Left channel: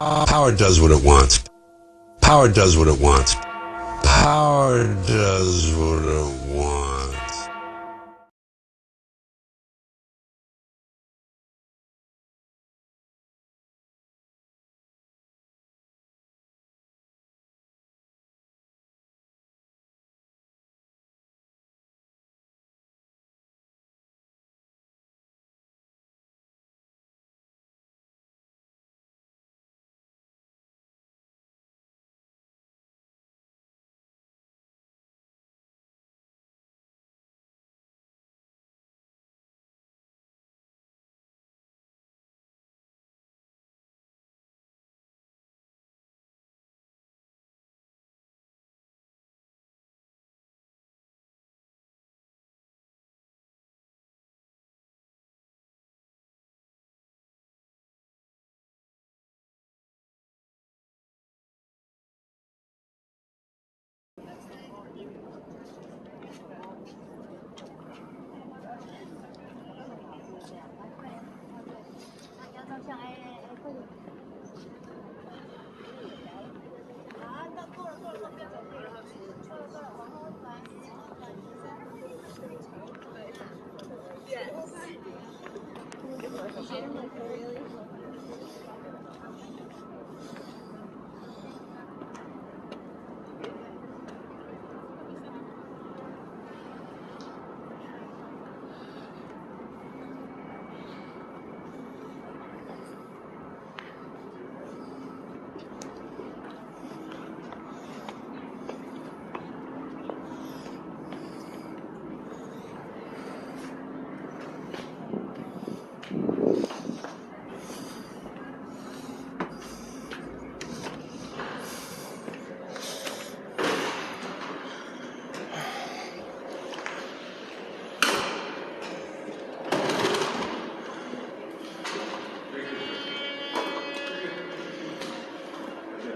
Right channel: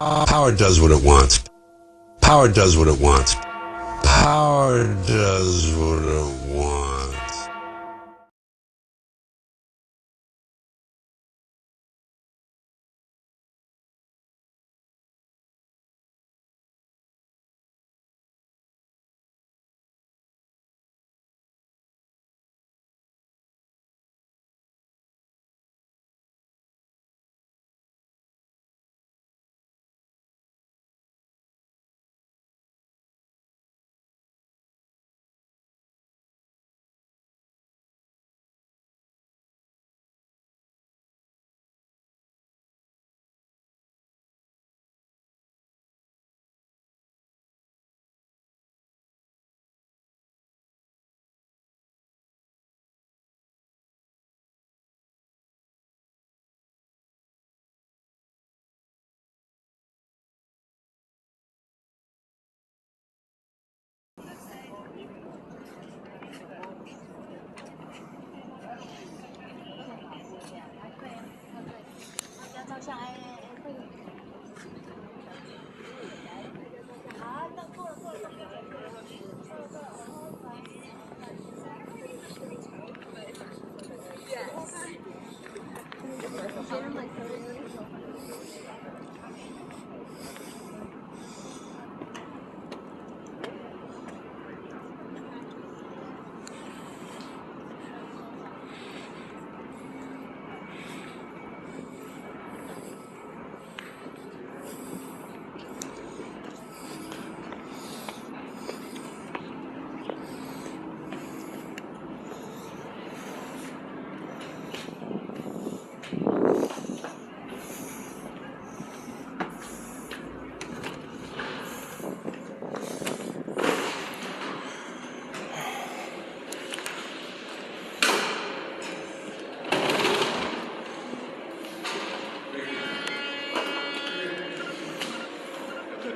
Power does what it wants. Power does what it wants. Power does what it wants.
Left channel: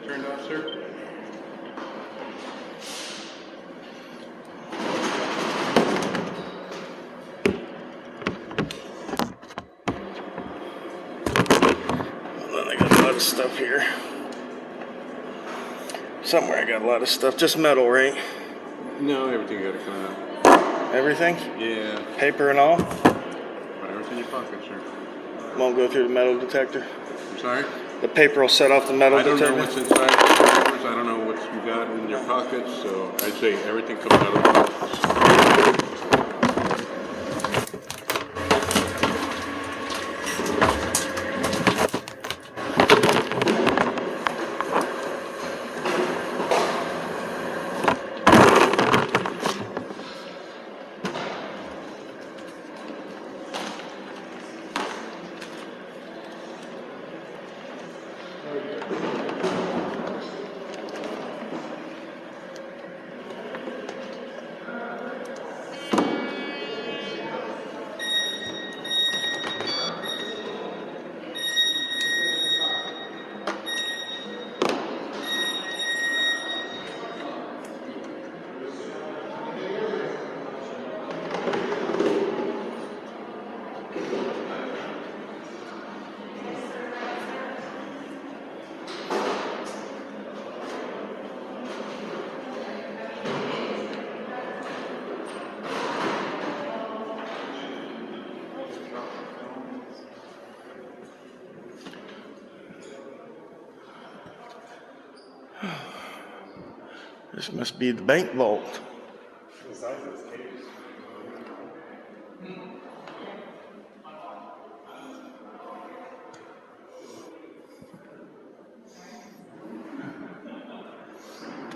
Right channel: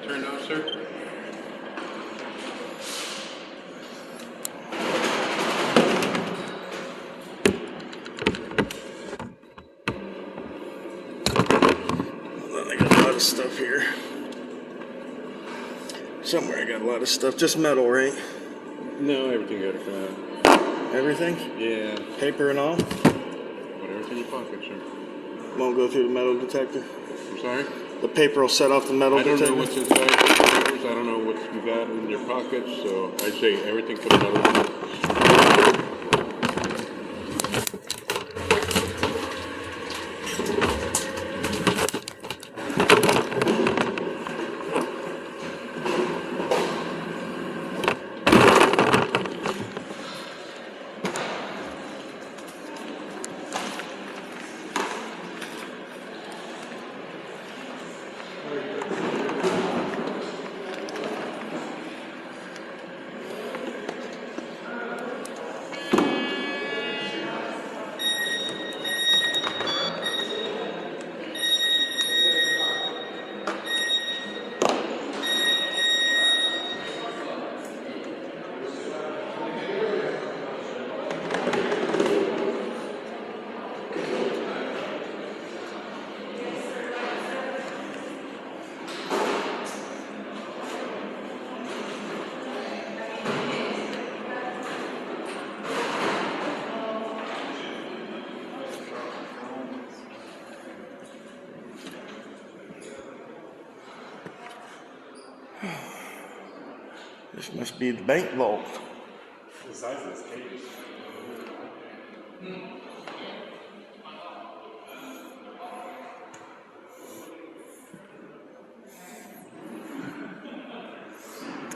Turned off, sir? Hold on, I got a lot of stuff here. Somewhere I got a lot of stuff. Just metal, right? No, everything got to come out. Everything? Yeah. Paper and all? Whatever's in your pocket, sir. Won't go through the metal detector? I'm sorry? The paper will set off the metal I don't detector? know what's inside the papers. I don't know what you got in your pockets, so I'd say everything comes out of the box. This must be the bank vault. The size of this cage.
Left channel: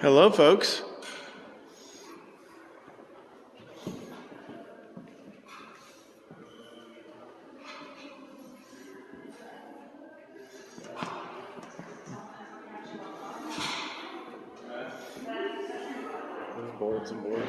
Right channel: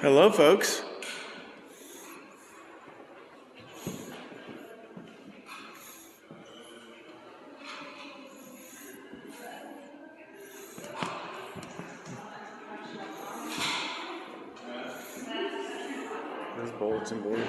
Hello, folks. There's bulletin board.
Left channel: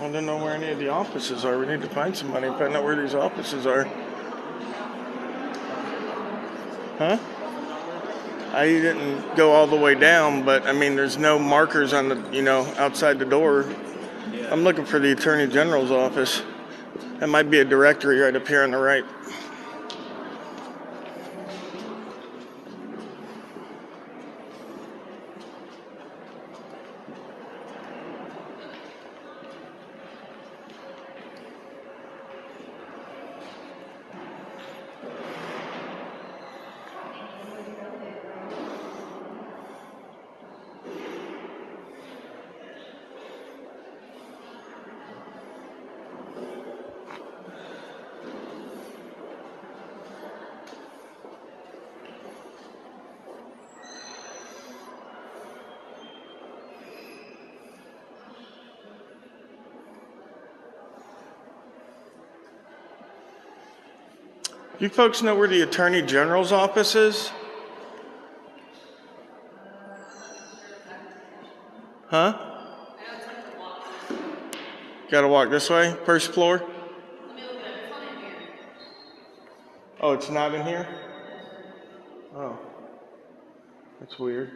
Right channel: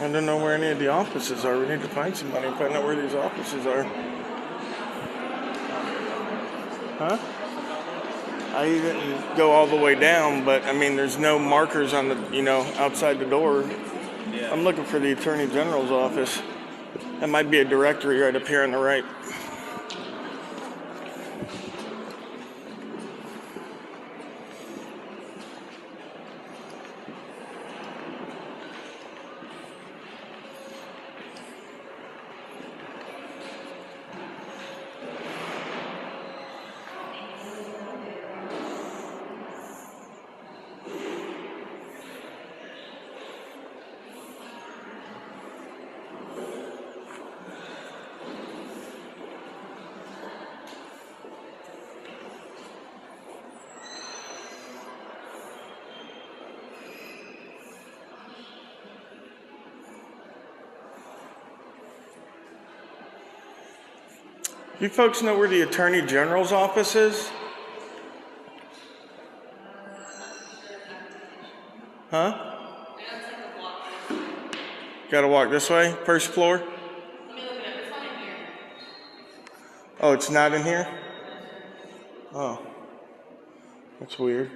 I don't know where any of the offices are. We need to find somebody and find out where these offices are. Huh? I didn't go all the way down, but I mean, there's no markers on the, outside the door. I'm looking for the Attorney General's office. That might be a directory right up here on the right. You folks know where the Attorney General's office is? Huh? Gotta walk this way? First floor? Oh, it's not in here? Oh. That's weird.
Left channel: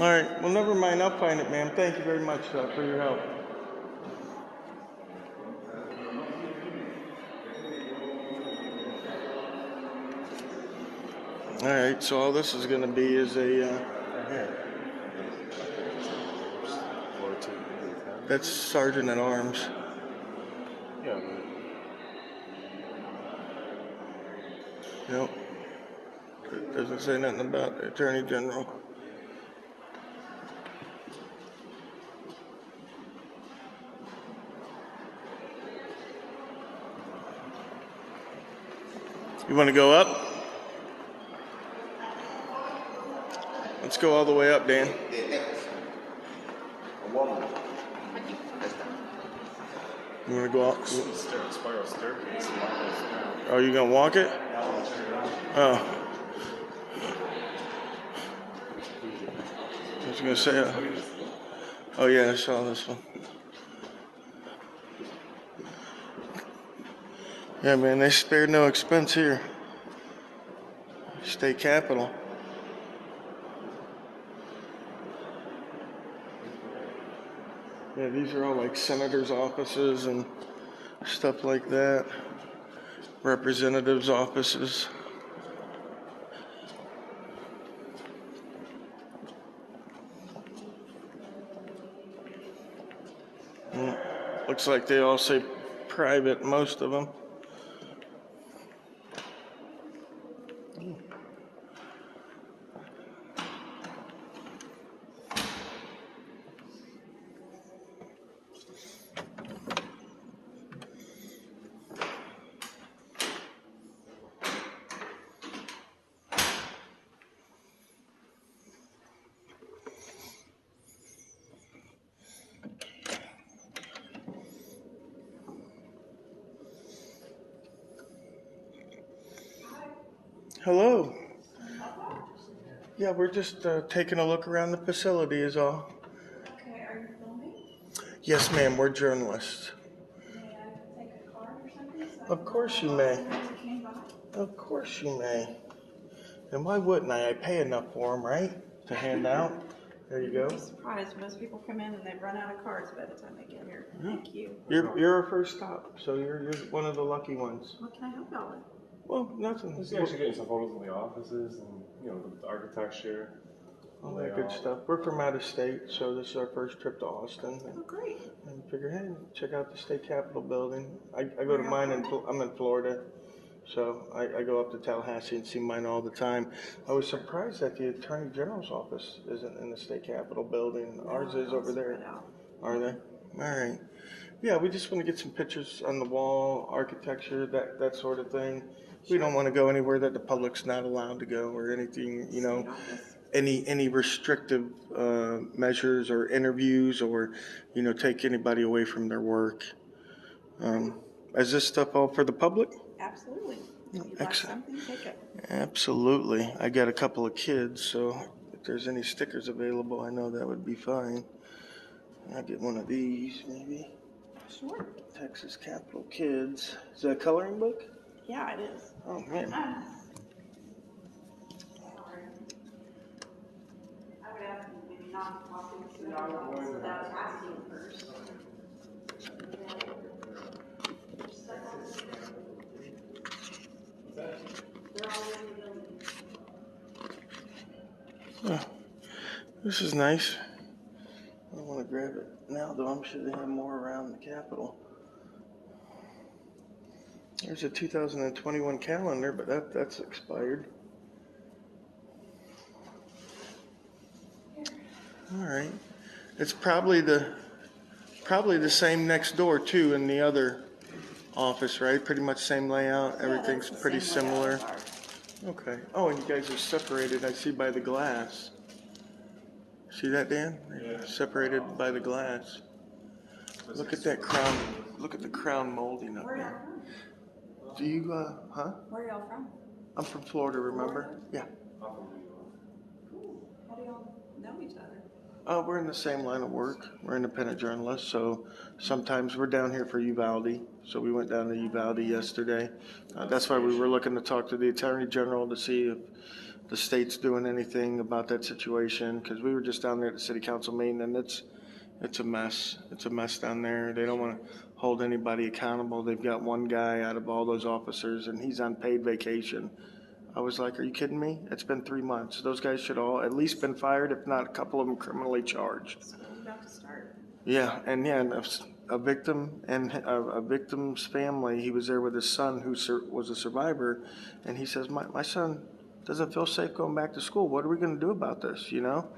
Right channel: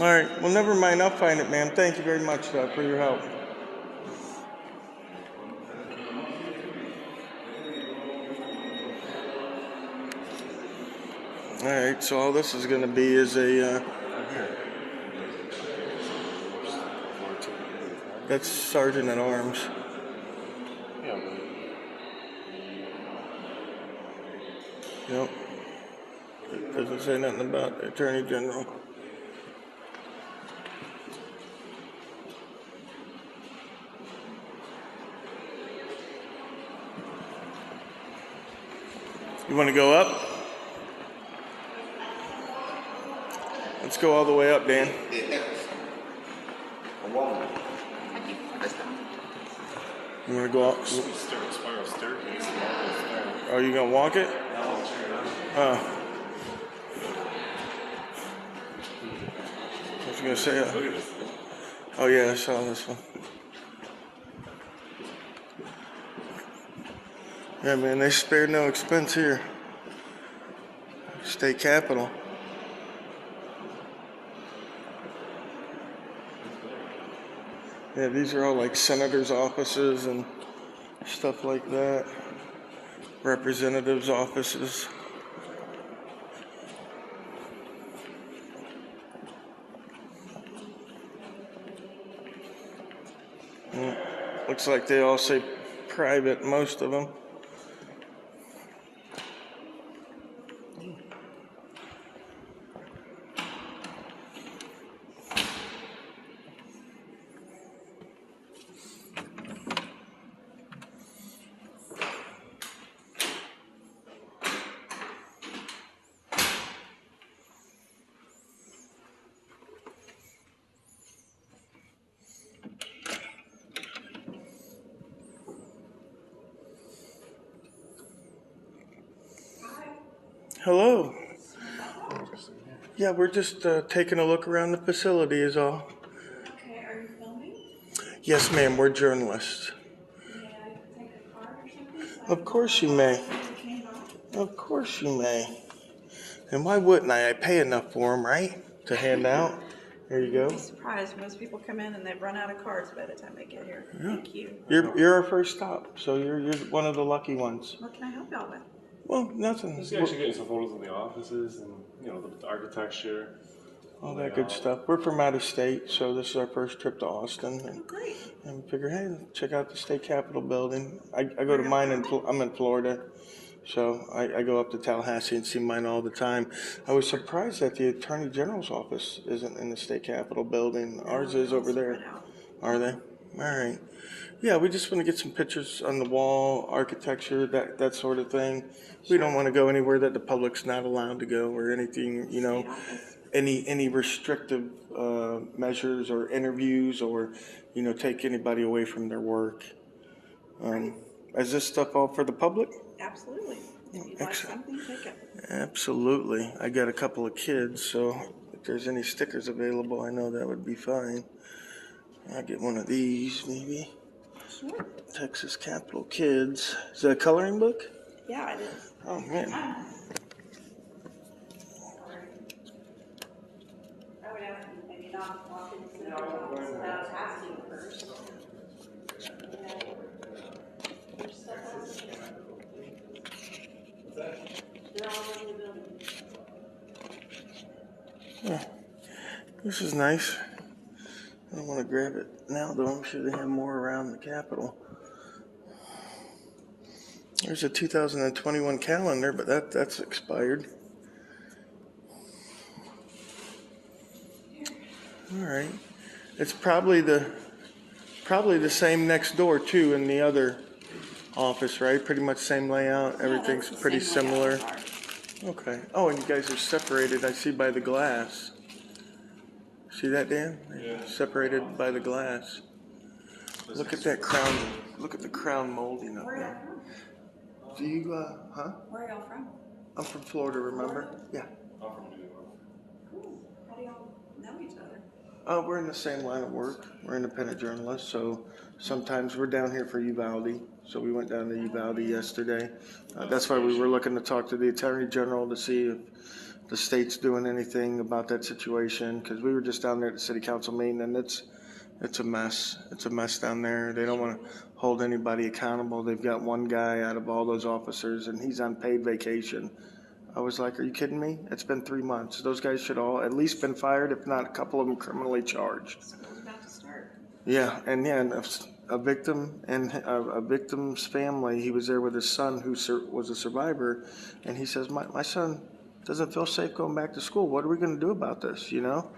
All right. Well, never mind. I'll find it, ma'am. Thank you very much for your help. All right. So all this is going to be is a... that's Sergeant at Arms. Yeah. Yep. It doesn't say nothing about the Attorney General. You want to go up? Let's go all the way up, Dan. You want to go up? Spiral staircase. Are you going to walk it? Oh. I was going to say, oh yeah, I saw this one. Yeah, man, they spared no expense here. State Capitol. Yeah, these are all like senators' offices and stuff like that. Representatives' offices. Looks like they all say private, most of them. Hello. Yeah, we're just taking a look around the facility is all. Okay, are you filming? Yes, ma'am, we're journalists. May I take a card or something? Of course you may. Of course you may. And why wouldn't I? I pay enough for them, right? To hand out. There you go. You'd be surprised. Most people come in and they've run out of cards by the time they get here. Thank you. You're our first stop, so you're one of the lucky ones. What can I help y'all with? Well, nothing. Just actually getting some photos of the offices and the architecture. All that good stuff. We're from out of state, so this is our first trip to Austin. Oh, great. And we figure, hey, check out the state capitol building. I go to mine I'm in Florida, so I go up to Tallahassee and see mine all the time. I was surprised that the Attorney General's office isn't in the state capitol building. Ours is over there. Are they? All right. Yeah, we just want to get some pictures on the wall, architecture, that sort of thing. We don't want to go anywhere that the public's not allowed to go or anything, any restrictive measures or interviews or, take anybody away from their work. Is this stuff all for the public? Absolutely. If you'd like Excellent. something, take it. Absolutely. I got a couple of kids, so if there's any stickers available, I know that would be fine. I'll get one of these, maybe. Sure. Texas Capital Kids. Is that a coloring book? Yeah, it is. Oh, man. I would ask you maybe not to walk into the office without asking first. They're all in the building. This is nice. I don't want to grab it now, though. I'm sure they have more around the Capitol. There's a 2021 calendar, but that's expired. All right. It's probably the same next door too in the other office, right? Pretty much same layout. Everything's that's the pretty same layout similar. as ours. Okay. Oh, and you guys are separated. I see by the glass. See that, Dan? Yeah. Separated by the glass. Look at that crown. Look at the crown molding up there. Do you, huh? Where are y'all from? I'm from Florida, remember? Yeah. I'm from New York. Cool. How do y'all know each other? We're in the same line of work. We're independent journalists, so sometimes we're down here for Uvalde. So we went down to Uvalde yesterday. That's why we were looking to talk to the Attorney General to see if the state's doing anything about that situation, because we were just down there at the City Council meeting, and it's a mess. It's a mess down there. They don't want to hold anybody accountable. They've got one guy out of all those officers, and he's on paid vacation. I was like, are you kidding me? It's been 3 months. Those guys should all at least been fired, if not a couple of them criminally charged. School's about to start. Yeah, and a victim and a victim's family, he was there with his son who was a survivor, and he says, my son doesn't feel safe going back to school. What are we going to do about this, you know?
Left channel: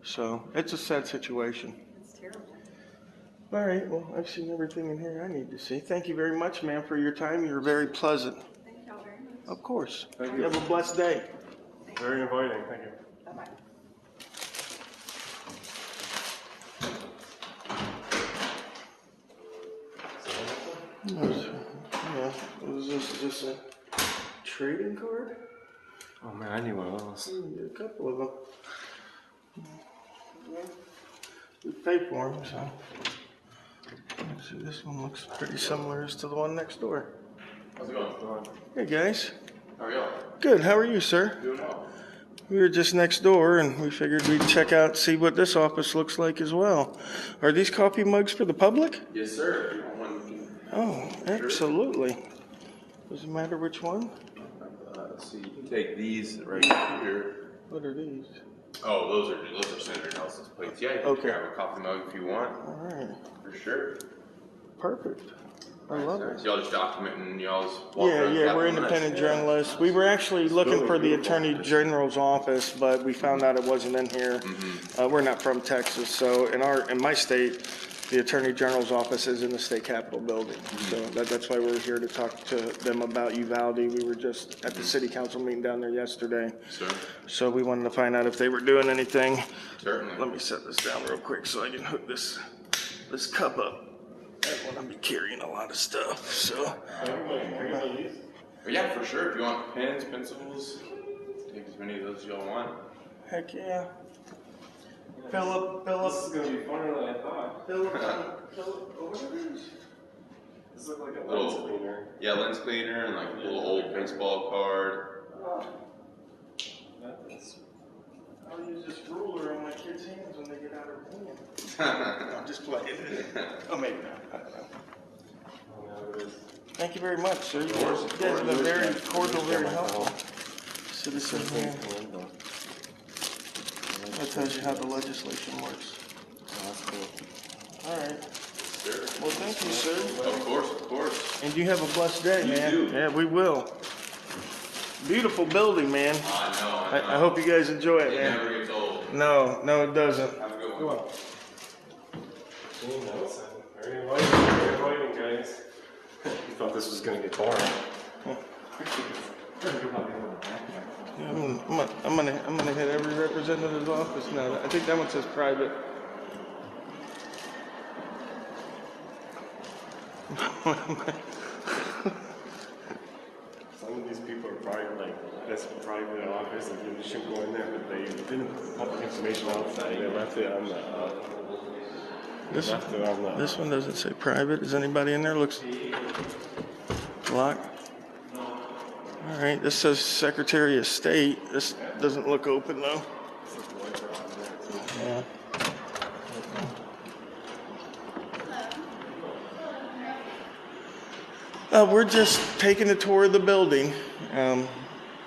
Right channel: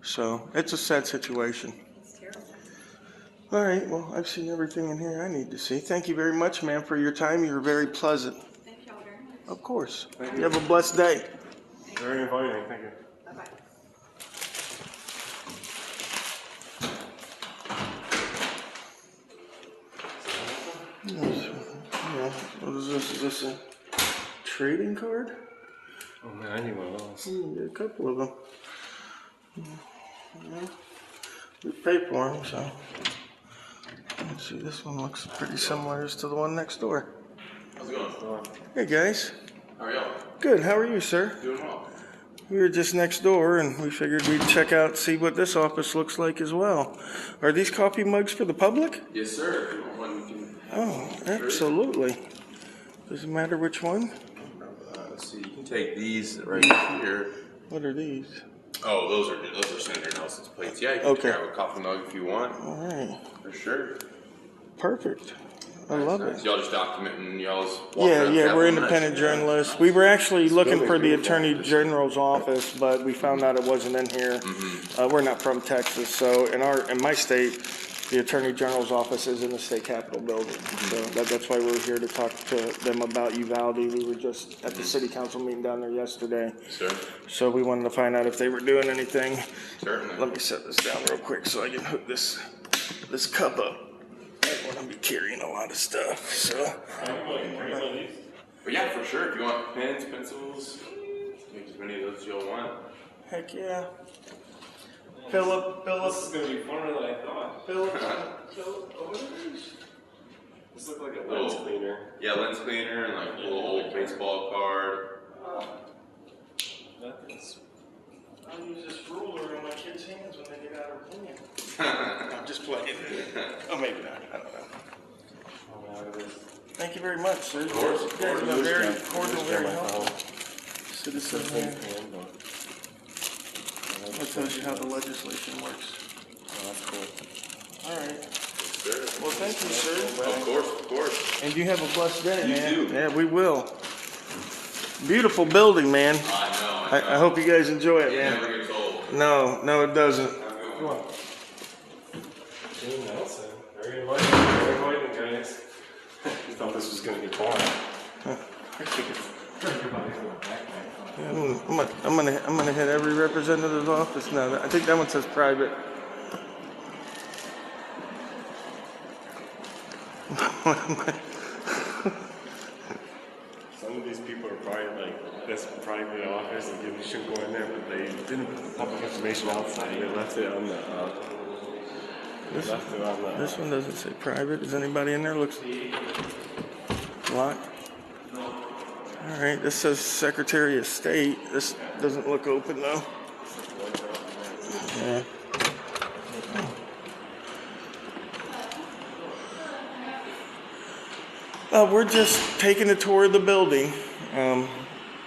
So it's a sad situation. It's terrible. All right, well, I've seen everything in here I need to see. Thank you very much, ma'am, for your time. You were very pleasant. Thank y'all very much. Of course. Thank You you. have a blessed day. Very inviting. Thank you. Bye-bye. Yeah, is this a trading card? Oh man, I need one of those. A couple of them. Yeah. We pay for them, so. Let's see, this one looks pretty similar to the one next door. How's it going? Hey, guys. How are y'all? Good, how are you, sir? Doing well. We were just next door, and we figured we'd check out, see what this office looks like as well. Are these coffee mugs for the public? Yes, sir. If you want one, you can. Oh, absolutely. Doesn't matter which one. Let's see. You can take these right here. What are these? Oh, those are Senator Nelson's plates. Yeah, you can Okay. grab a coffee mug if you want. All right, For sure. perfect. I love it. So y'all just documenting y'all's. Yeah, we're independent journalists. We were actually looking for the Attorney General's office, but we found out it wasn't in here. We're not from Texas, so in my state, the Attorney General's office is in the state capitol building. So that's why we're here to talk to them about Uvalde. We were just at the city council meeting down there yesterday. Sir. So we wanted to find out if they were doing anything. Certainly. Let me set this down real quick so I can hook this cup up. I don't want to be carrying a lot of stuff, so. But yeah, for sure. If you want pens, pencils, take as many of those as y'all want. Heck yeah. Philip, This is gonna be funner than I thought. Philip, what are these? This looks like a lens Little- cleaner. Yeah, lens cleaner and like a little old baseball card. Nothing's. I'll use this ruler on my kids' hands when they get out of hand. I'm just playing. Oh, maybe not. I don't know. Oh, no, it is. Thank you very much, sir. You guys have been very cordial, very helpful. Citizen Handbook. that tells you how the legislation works. Oh, that's cool. All right. Sure. Well, thank you, sir. Of course, of course. And you have a blessed day, man. too. Yeah, we will. Beautiful building, man. I know. I hope you guys enjoy it, It man. never gets old. No, it doesn't. Come on. Gene Nelson. Very inviting, guys. You thought this was gonna get boring. Yeah, I'm gonna hit every representative's office now. I think that one says private. Some people are probably like, that's probably the office, like you should go in there, but they didn't put public information out. They left it on the, This one doesn't say private. Is anybody in there? Looks locked. All right, this says Secretary of State. This doesn't look open though. Yeah. We're just taking a tour of the building,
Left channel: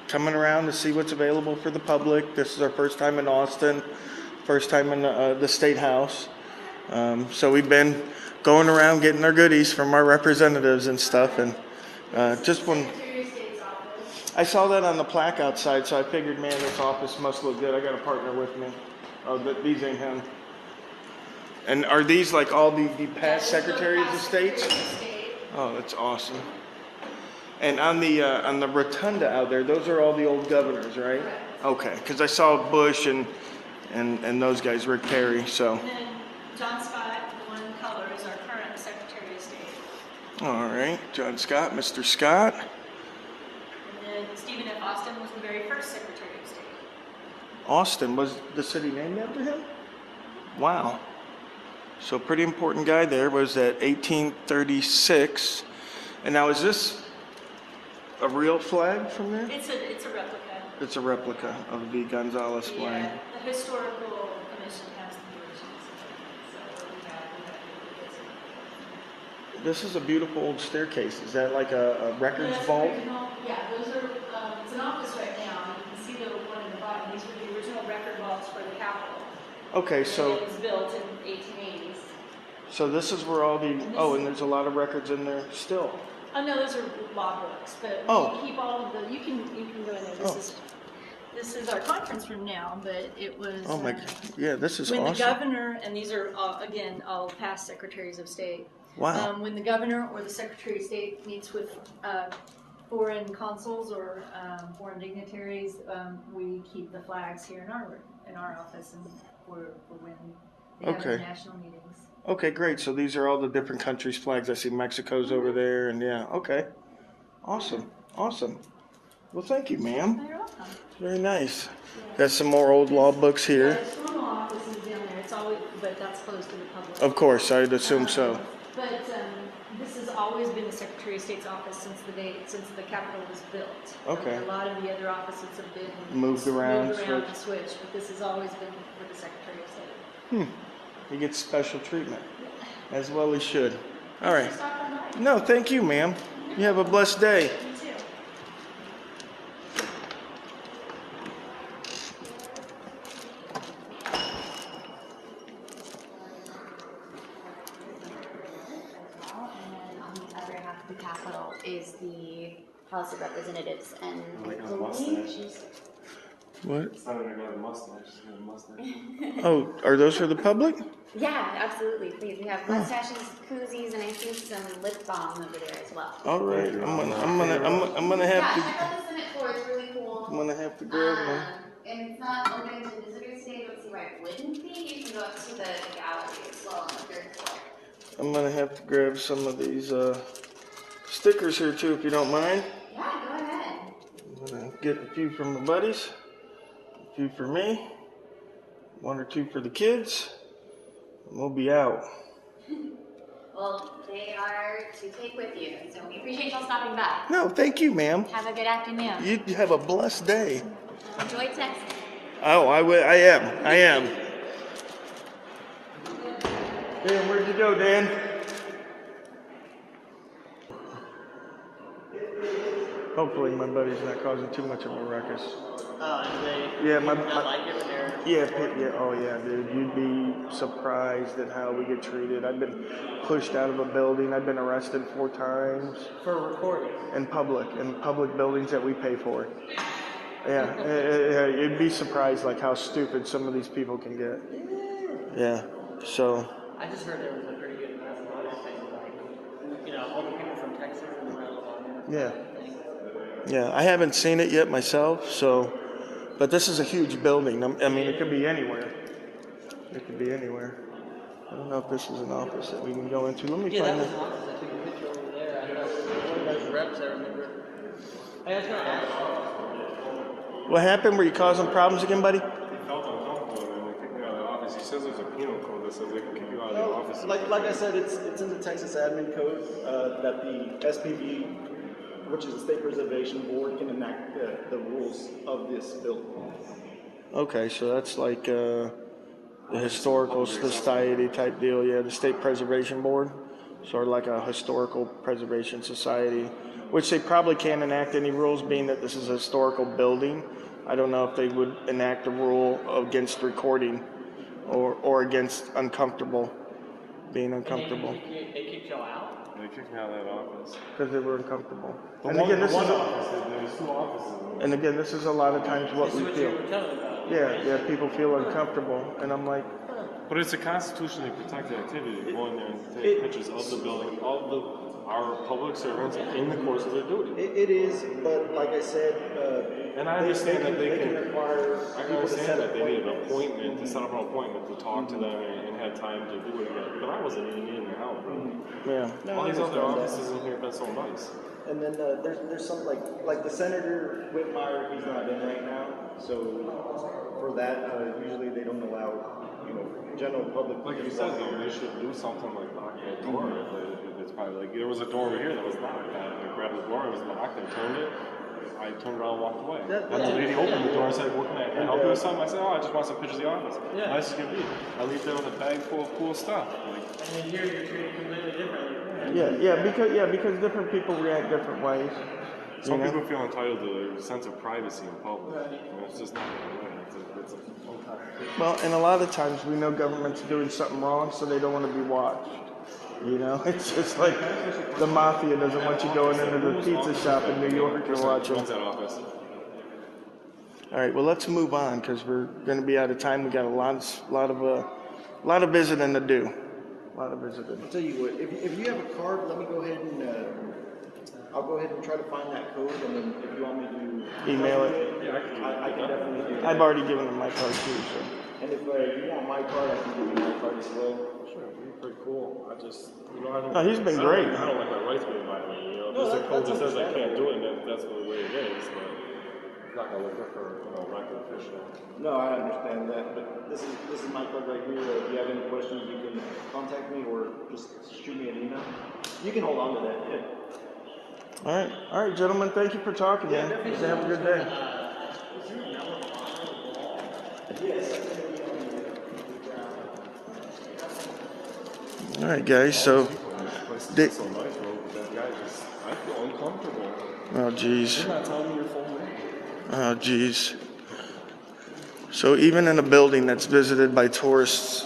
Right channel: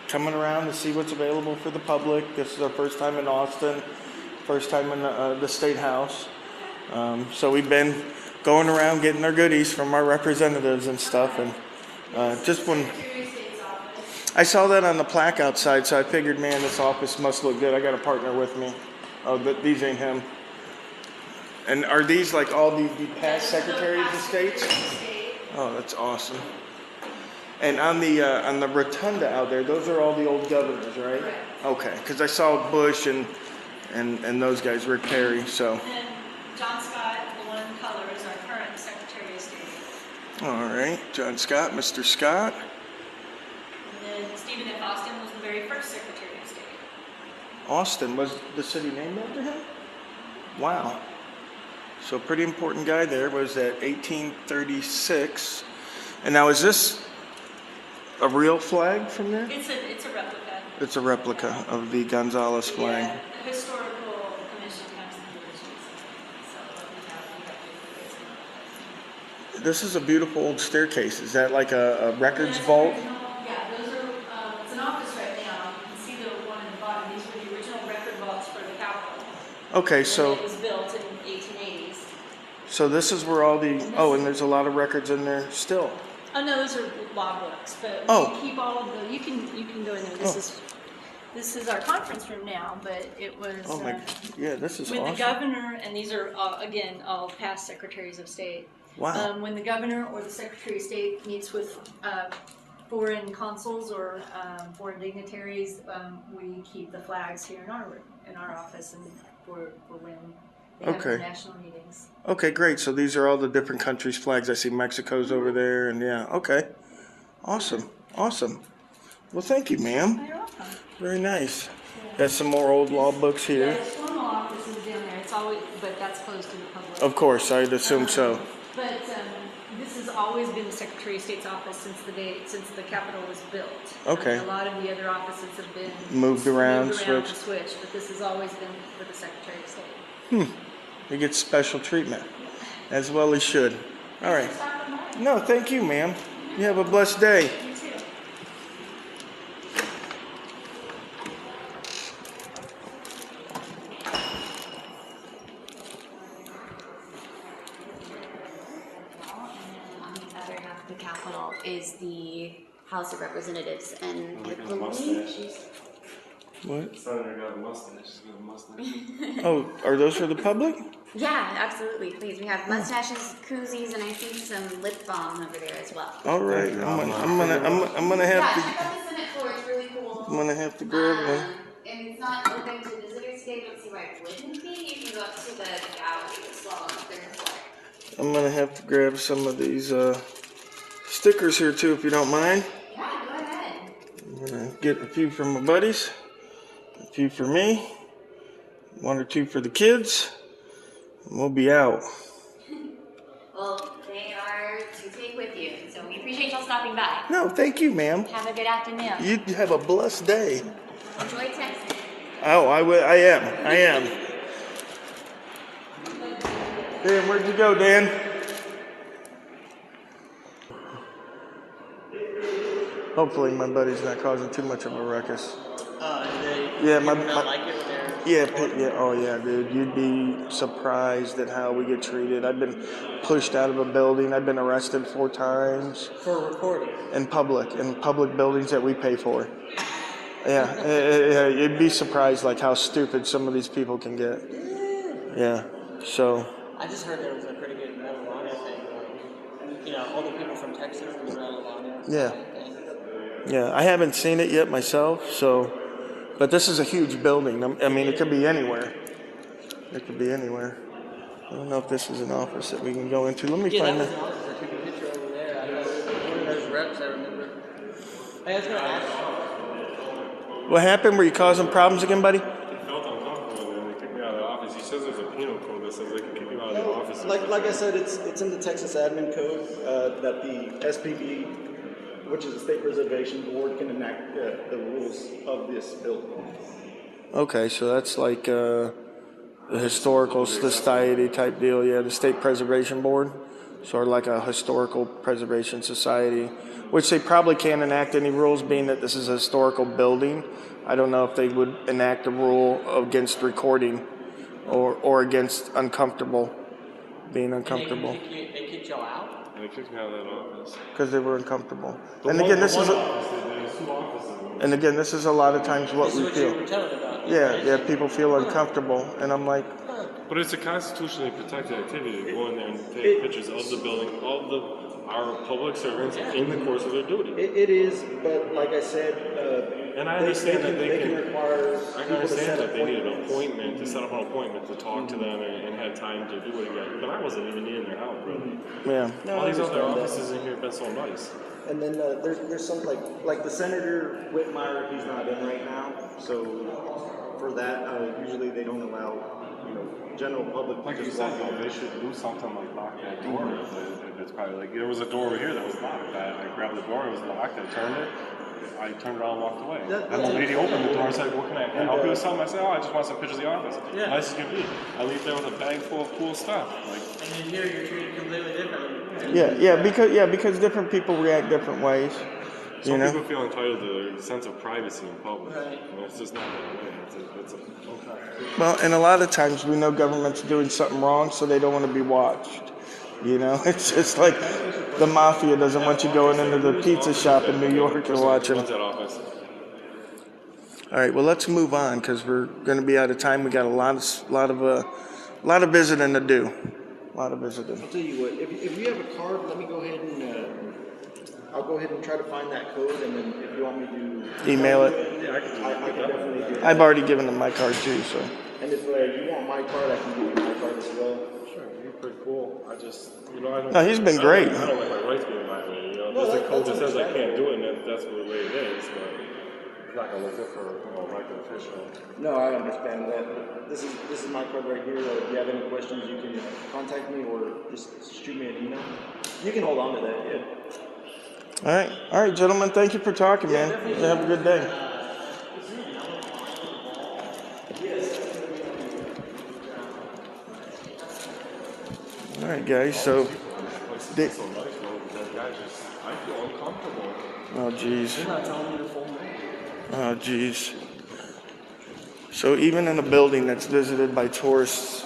coming around to see what's available for the public. This is our first time in Austin, first time in the State House. So we've been going around getting our goodies from our representatives and stuff. And just when I saw that on the plaque outside, so I figured, man, this office must look good. I got a partner with me. Oh, but these ain't him. And are these like all the past secretaries of state? Oh, that's awesome. And on the rotunda out there, those are all the old governors, right? Okay, because I saw Bush and those guys, Rick Perry. So. And then John Scott, the one in color, is our current Secretary of State. All right, John Scott, Mr. Scott. And then Stephen F. Austin was the very first Secretary of State. Austin, was the city named after him? Wow. So pretty important guy there. Was that 1836? And now is this a real flag from there? It's a replica. It's a replica of the Gonzales flag. Yeah, the historical commission has the originals. So we have This is a beautiful old staircase. Is that like a records vault? Yeah, those are, it's an office right now. You can see the one in the bottom. These were the original record vaults for the Capitol. Okay, And so it was built in 1880s. so this is where all the and there's a lot of records in there still. Oh no, those are log books, but Oh. we keep all of the. You can go in there. This is our conference room now, but it was. Oh my, yeah, this is when awesome. the governor, and these are again all past secretaries of state. Wow. When the governor or the secretary of state meets with foreign consuls or foreign dignitaries, we keep the flags here in our office and for when they have Okay. national meetings. Okay, great. So these are all the different countries' flags. I see Mexico's over there, and yeah, okay. Awesome, awesome. Well, thank you, ma'am. You're welcome. Very nice. Got some more old law books Yeah, here. the formal office is down there. It's always, but that's closed to the public. Of course, I'd assume so. But this has always been the Secretary of State's office since the Capitol was built. Okay. A lot of the other offices have been Moved around, and switched. switched, but this has always been for the Secretary of State. He gets special treatment, as well he should. All right. No, thank you, ma'am. You have a blessed day. You too. On the other half of the Capitol is the House of Representatives, and Oh, I I got a believe mustache. What? Senator got a mustache. She's got a mustache. Oh, are those for the public? yeah, absolutely, please. We have mustaches, koozies, and I see some lip balm over there as well. All right. I'm gonna have Yeah, to. check out the Senate floor. It's really cool. I'm gonna have to grab them. And it's not open to visitors today. Don't see why it wouldn't be. You can go up to the gallery as well on the third floor. I'm gonna have to grab some of these stickers here too, if you don't mind. Yeah, go ahead. I'm gonna get a few from my buddies, a few for me, one or two for the kids, and we'll be out. Well, they are to take with you, so we appreciate y'all stopping by. No, thank you, ma'am. Have a good afternoon. You have a blessed day. Enjoy Texas. Oh, I am. Dan, where'd you go, Dan? Hopefully my buddy's not causing too much of a ruckus. Yeah, my oh yeah, dude, you'd be surprised at how we get treated. I've been pushed out of a building. I've been arrested 4 times. For recording. In public buildings that we pay for. Yeah, you'd be surprised like how stupid some of these people can get. Yeah, so. I just heard there was a pretty good thing. You know, all the people from Texas were really on it. Yeah. Yeah, I haven't seen it yet myself, so, but this is a huge building. I mean, it could be anywhere. It could be anywhere. I don't know if this is an office that we can go into. Let me Yeah, that find was an office. I took a picture over there. One of those reps, I remember. Hey, that's right. What happened? Were you causing problems again, buddy? He felt uncomfortable and then they kicked me out of the office. He says there's a penal code that says they can kick you out of the office. Like I said, it's in the Texas Admin Code that the SPB, which is the State Preservation Board, can enact the rules of this building. Okay, so that's like the historical society type deal. Yeah, the State Preservation Board, sort of like a historical preservation society, which they probably can't enact any rules, being that this is a historical building. I don't know if they would enact a rule against recording or against being uncomfortable. They kicked y'all out? They kicked me out of that office. Because they were uncomfortable. There's two offices. And again, this is a lot of times what This we is what you feel. were telling about. Yeah, people feel uncomfortable, and I'm like, But it's a constitutionally protected activity to go in there and take pictures of the building, our public servants in the course of their duty. It is, but like I said, And I understand that they can require I can people to understand set that they need an appointments. appointment, to set up an appointment to talk to them and have time to do it again. But I wasn't even in their house, bro. yeah. No, All I these other understand that. offices in here have been so nice. And then there's some like the Senator Whitmire, he's not in right now, so for that usually they don't allow general public. Like you said, they should do something like lock that door. If it's probably like there was a door over here that was locked. I grabbed the door, it was locked. I turned it. I turned around and walked away. And the lady opened the door and said, "What can I help you with something?" I said, "Oh, I just want some pictures of the office." Yeah. Nice as can be. I leave there with a bag full of cool stuff. Like, And then here you're treated completely differently. Because different people react different ways. some people feel entitled to their sense of privacy in public. Right. And it's just not that way. It's unconstitutional. Well, and a lot of times we know government's doing something wrong, so they don't want to be watched. It's just like the mafia doesn't want you going into the pizza shop in New York and watching. Runs that office. All right, well, let's move on because we're going to be out of time. We got a lot of visiting to do. A lot of visiting. I'll tell you what, if you have a card, let me go ahead and I'll go ahead and try to find that code, and then if you want me to Email it. I can definitely do that. I've already given them my card too, so. And if you want my card, I can give you my card as well. Sure, he's pretty cool. I just, I don't. No, he's been great. I don't want my rights being violated. There's a code that says I can't do it, and that's the way it is. But it's not gonna look good for elected official. No, I understand that, but this is my card right here. If you have any questions, you can contact me or just shoot me an email. You can hold on to that, yeah. All right, gentlemen, thank you for talking, man. You have a good day. All right, guys, so. Dick. So nice, man. That guy just, I feel uncomfortable. Oh, geez. You're not telling me your full name. Oh, geez. So even in a building that's visited by tourists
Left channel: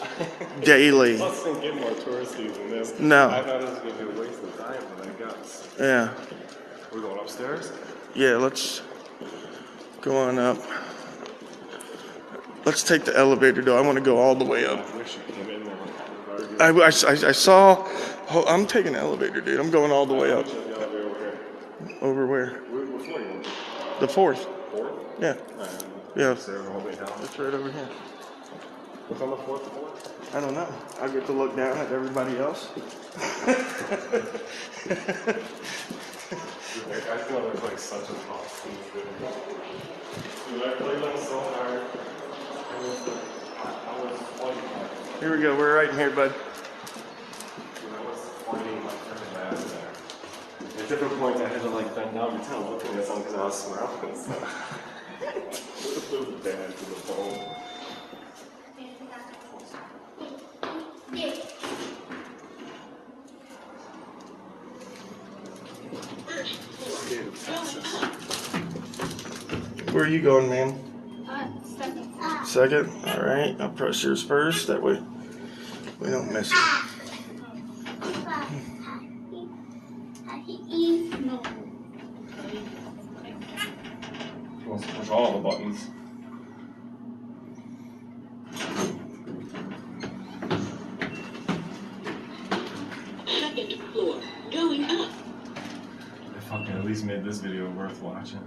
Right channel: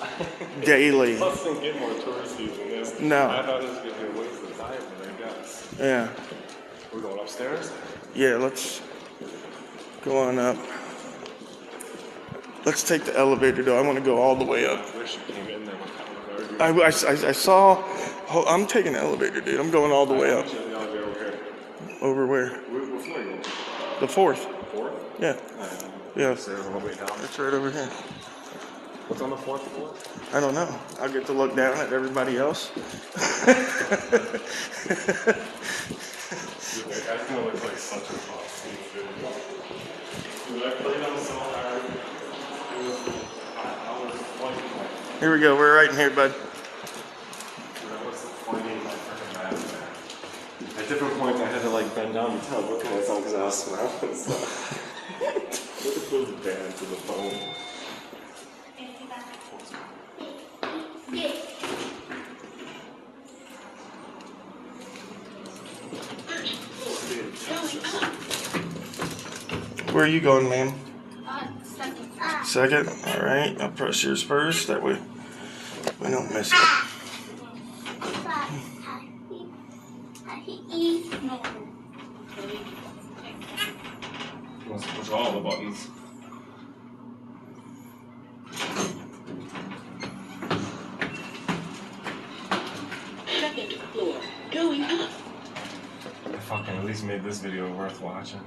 daily. Let's think get more touristy than this. No. I thought it was going to be a waste of time, but I guess. Yeah. We're going upstairs? Yeah, let's go on up. Let's take the elevator, though. I want to go all the way up. I wish you came in there. I saw. I'm taking the elevator, dude. I'm going all the way up. Over where? What floor are you on? The fourth. Fourth? Yeah. Yeah. Is there one way down? It's right over here. What's on the fourth floor? I don't know. I get to look down at everybody else. Dude, that guy's gonna look like such a boss. Dude, I played on so hard. I was fighting my. Here we go. We're right in here, bud. Dude, I was fighting my freaking ass, man. At different points, I had to like bend down to tell looking at someone because I was smiling and stuff. It was bad to the bone. Where are you going, ma'am? Second. Second? All right. I'll press yours first. That way we don't miss it. He wants to push all the buttons. Second floor, going up. I fucking at least made this video worth watching.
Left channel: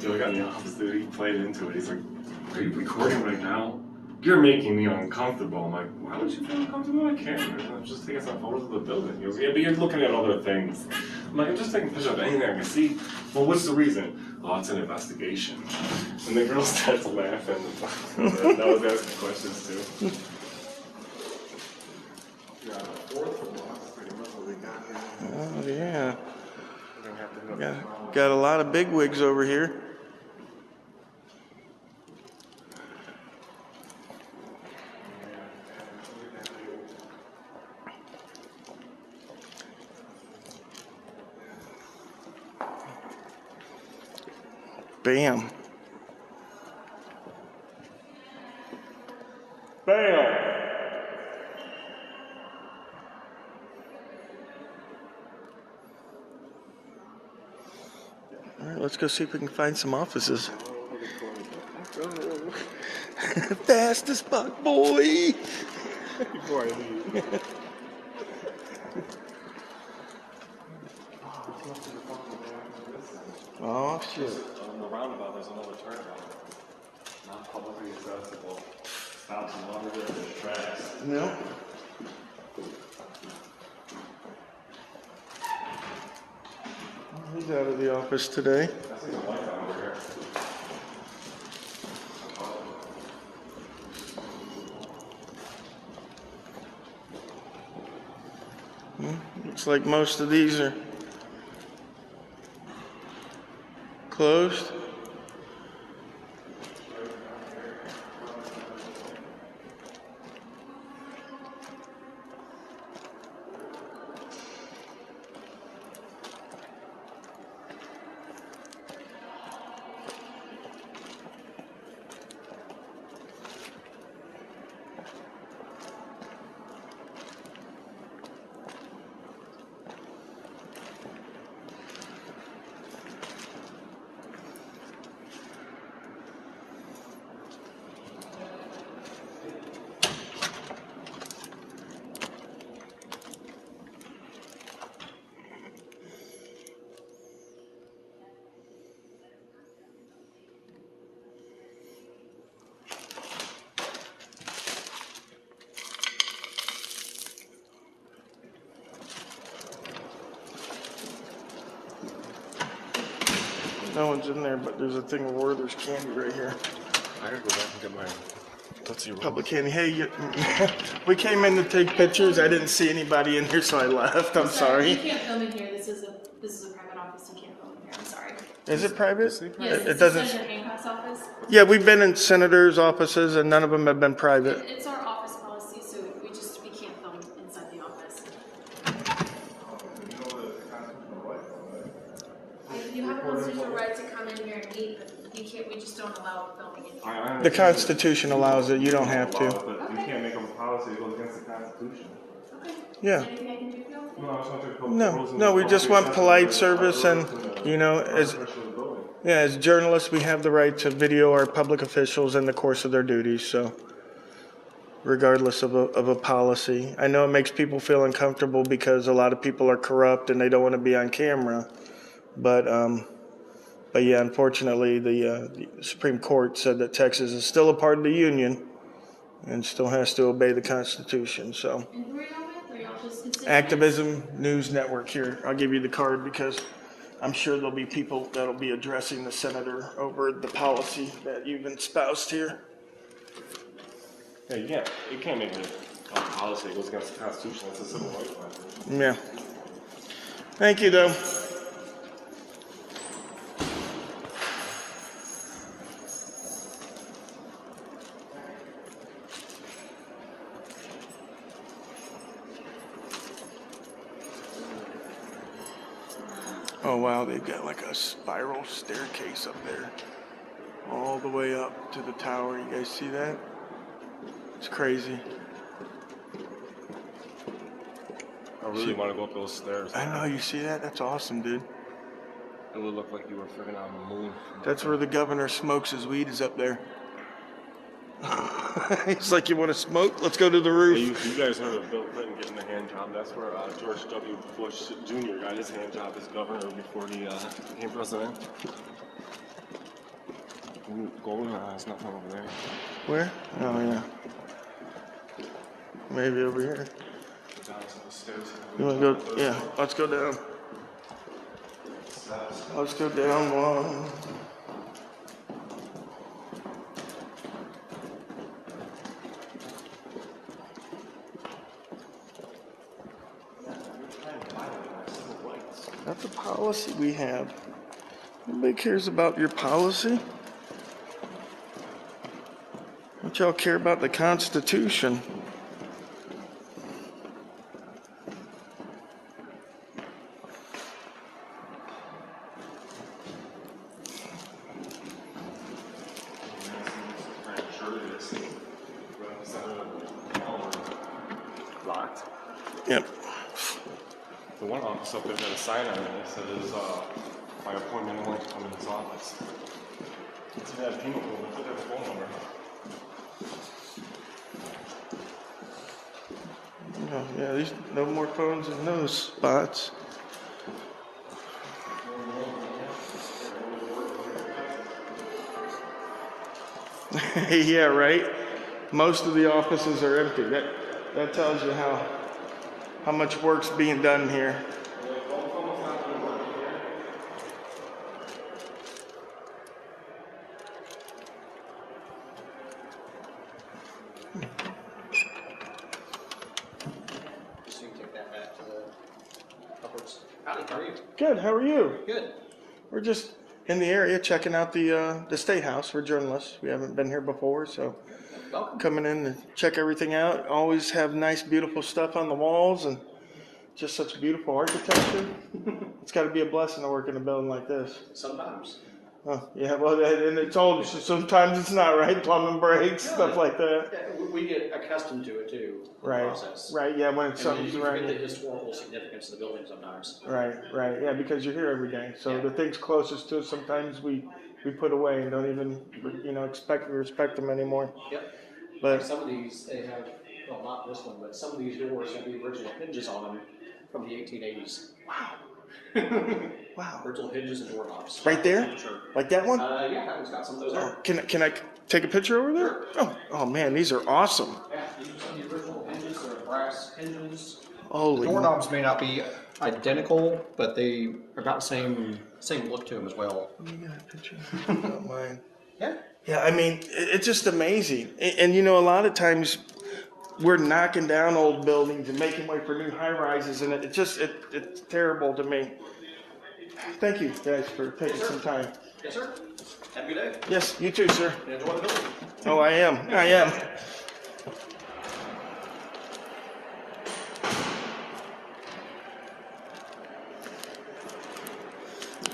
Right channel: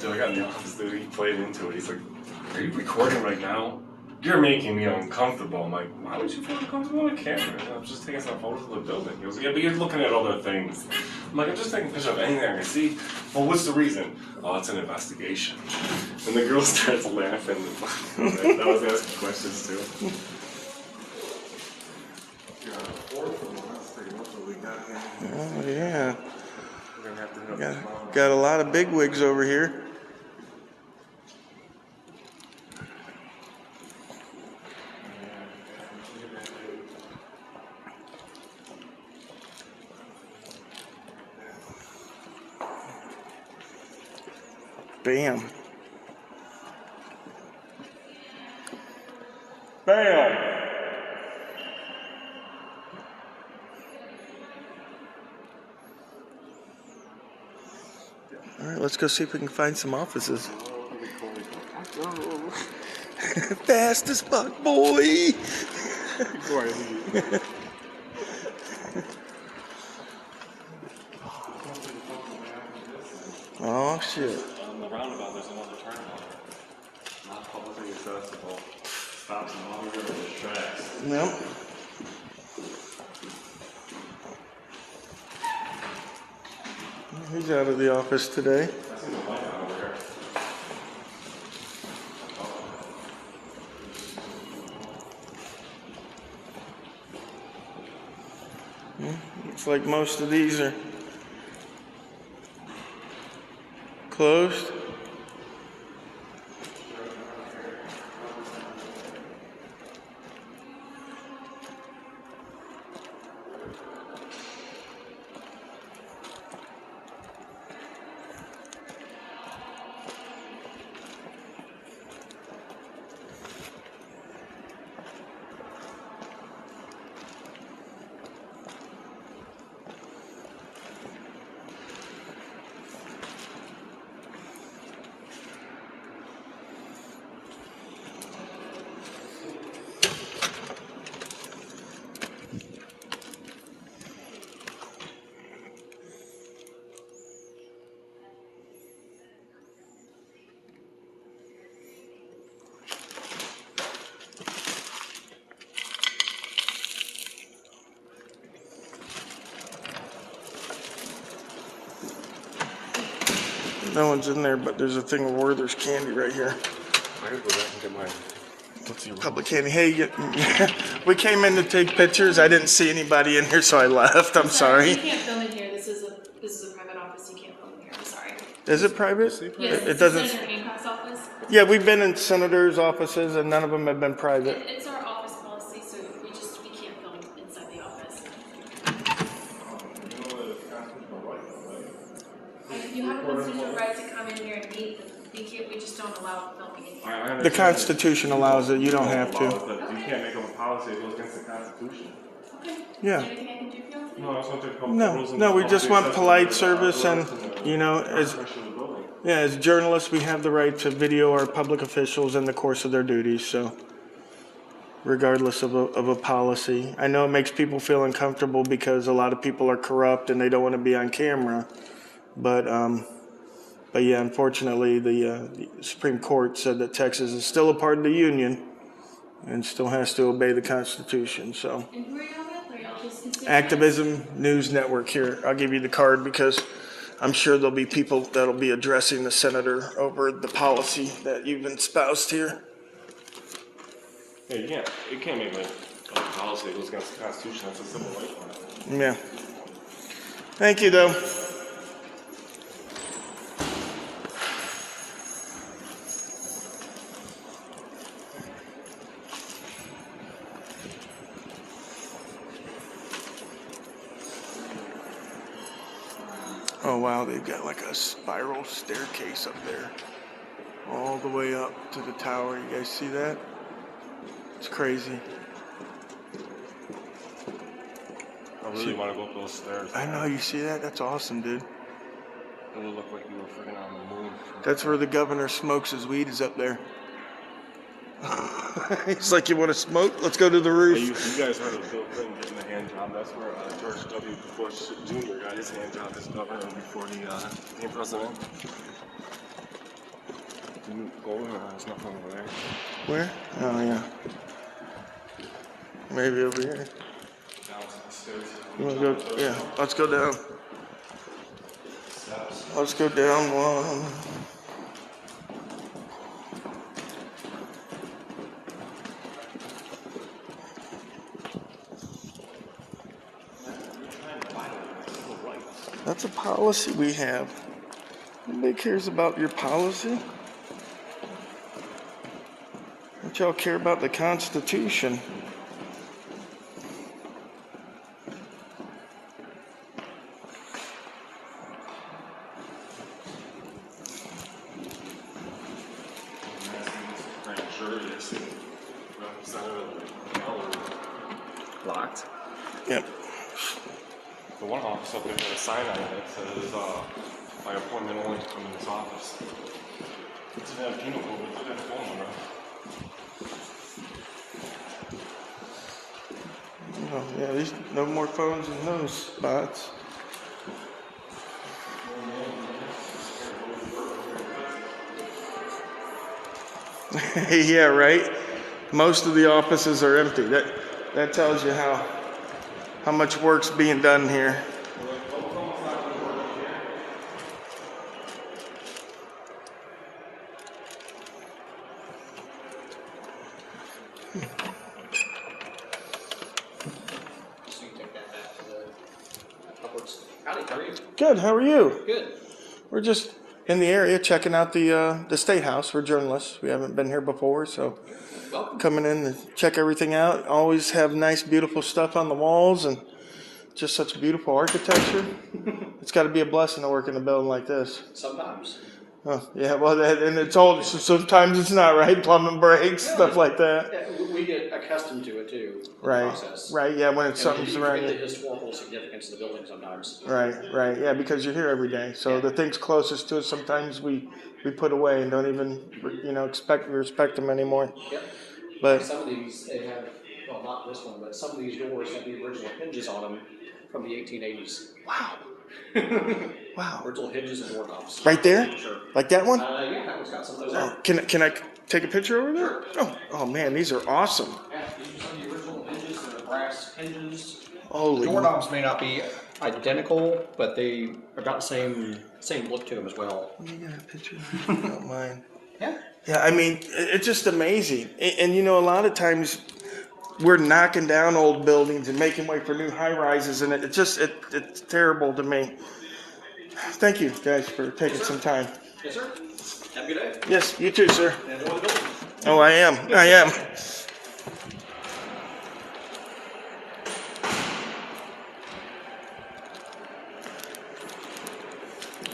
Dude, I got in the office, dude, he played into it. He's like, "Are you recording right now? You're making me uncomfortable." I'm like, "Why would you feel uncomfortable on camera? I'm just taking some photos of the building." He goes, "Yeah, but you're looking at other things." I'm like, I'm just taking a picture of anything I can see. Well, what's the reason? Oh, it's an investigation. And the girl starts laughing. That was asking questions too. Oh, yeah. Got a lot of big wigs over here. Bam. Bam! All right, let's go see if we can find some offices. Fastest buck, boy. Oh shit. On the roundabout, there's another turnabout. Not publicly accessible. Stops and longer than the tracks. Yeah. He's out of the office today. I see the light over here. Looks like most of these are closed. No one's in there, but there's a thing of Werther's candy right here. I gotta go back and get my Public candy. Hey, we came in to take pictures. I didn't see anybody in here, so I left. I'm You sorry. can't film in here. This is a private office. You can't film in here. I'm sorry. Is it private? Yes, It doesn't. Senator Hancock's office. Yeah, we've been in senators' offices, and none of them have been private. It's our office policy, so we can't film inside the office. You have a constitutional right to come in here and meet, but we just don't allow filming in here. The Constitution allows it. You don't have to. But you can't make up a policy that goes against the Constitution. Okay. Yeah. Anything I can do for you? No, I was going to take a couple No, rules no, we just want polite service, and as Yeah, as journalists, we have the right to video our public officials in the course of their duties. So, regardless of a policy, I know it makes people feel uncomfortable because a lot of people are corrupt and they don't want to be on camera, but yeah, unfortunately, the Supreme Court said that Texas is still a part of the Union and still has to obey the Constitution. So. And who are y'all with? Are y'all just constituents? Activism News Network here. I'll give you the card because I'm sure there'll be people that'll be addressing the senator over the policy that you've espoused here. Yeah, you can't make a policy that goes against the Constitution. That's a civil rights matter. Yeah. Thank you, though. Oh wow, they've got like a spiral staircase up there. All the way up to the tower. You guys see that? It's crazy. I really want to go up those stairs. I know, you see that? That's awesome, dude. It would look like you were freaking on the moon. That's where the governor smokes his weed, is up there. He's like, you want to smoke? Let's go to the roof. You guys heard of Bill Clinton getting the hand job. That's where George W. Bush Jr. got his hand job as governor before he became president. You go over there, there's nothing over there. Where? Oh, yeah. Maybe over here. Down to the stairs. You want to go? Yeah, let's go down. Let's go down one. That's a policy we have. Nobody cares about your policy. Don't y'all care about the Constitution? Locked. Yep. The one office up there got a sign on it that says, by appointment only to come in this office. It's a penal code, it's a phone number. Oh, yeah, these no more phones in those spots. Yeah, right. Most of the offices are empty. That tells you how much work's being done here. So you can take that back to the upwards. Howdy, how are you? Good. How are you? Good. We're just in the area checking out the State House. We're journalists. We haven't been here before, so Welcome. coming in to check everything out. Always have nice, beautiful stuff on the walls and just such beautiful architecture. It's got to be a blessing to work in a building like this. Sometimes. Oh, yeah, well, and it's old, so sometimes it's not, right? Plumbing breaks, stuff like that. Yeah, we get accustomed to it too. The Right, process. right, yeah, when it's And something's you around forget the you. historical significance of the building sometimes. Right, yeah, because you're here every day. So the things closest to us, sometimes we put away and don't even, respect them anymore. Yep. But Some of these, they have, well, not this one, but some of these doors have the original hinges on them from the 1880s. wow, Original hinges and doorknobs. right there, Sure. like that one. Yeah, that one's got some of those there. Can I take a picture over there? Oh man, these are awesome. Yeah, these are some of the original hinges, they're brass hinges. Holy. Doorknobs may not be identical, but they are about the same look to them as well. Let me get a picture. If you don't mind. Yeah. Yeah, I mean, it's just amazing. And a lot of times we're knocking down old buildings and making way for new high rises, and it's terrible to me. Thank you guys for taking some time. Yes, sir. Have a good day. Yes, you too, sir. And enjoy the building. Oh, I am.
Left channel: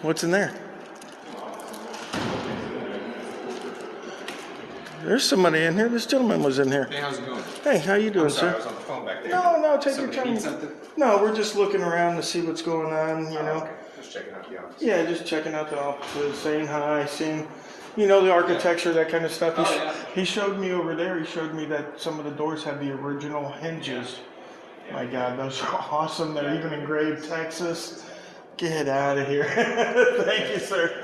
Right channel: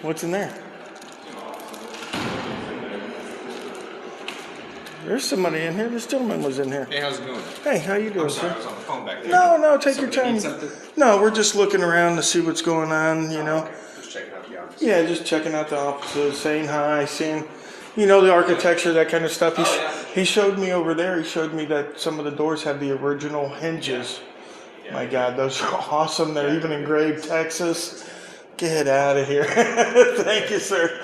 What's in there? There's somebody in here. This gentleman was in here. Hey, how's it going? Hey, how you doing, I'm sorry, sir? I was on the phone back there. No, take your Somebody time. need something? No, we're just looking around to see what's going on, Okay, just checking out the office. Yeah, just checking out the offices, saying hi, seeing, the architecture, that kind of stuff. He showed me over there, he showed me that some of the doors have the original hinges. My God, those are awesome. They're even engraved Texas. Get out of here. Thank you, sir.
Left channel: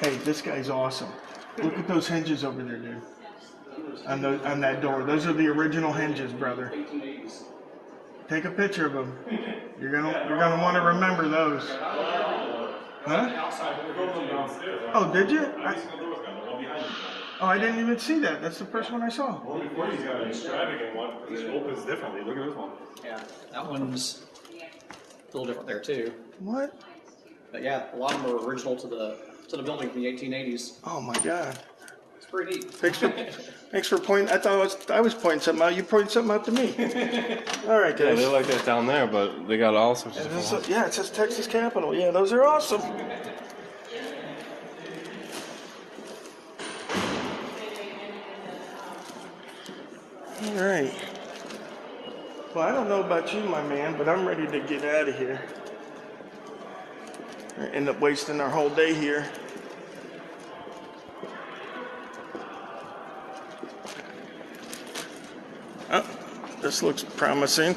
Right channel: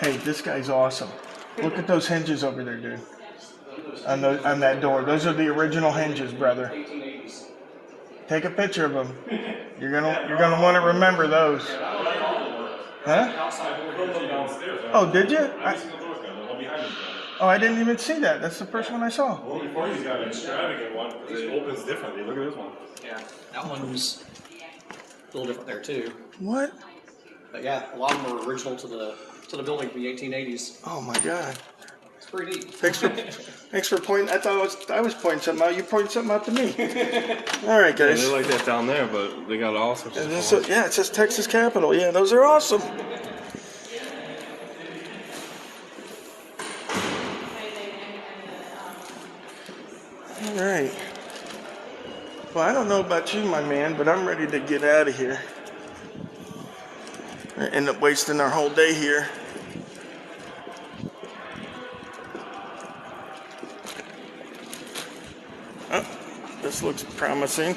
Hey, this guy's awesome. Look at those hinges over there, dude. On that door. Those are the original hinges, brother. Take a picture of them. You're gonna want to remember those. Huh? Oh, did you? I didn't even see that. That's the first one I saw. Well, before he's got an extravagant one, because it opens differently. Look at this one. Yeah, that one's a little different there too. What? But yeah, a lot of them are original to the building from the 1880s. Oh my God. It's pretty neat. Thanks for pointing. I thought I was pointing something out. You pointed something out to me. All right, Yeah, guys. they're like that down there, but they got all sorts of different ones. Yeah, it says Texas Capitol. Yeah, those are awesome. All right. Well, I don't know about you, my man, but I'm ready to get out of here. End up wasting our whole day here. Oh, this looks promising.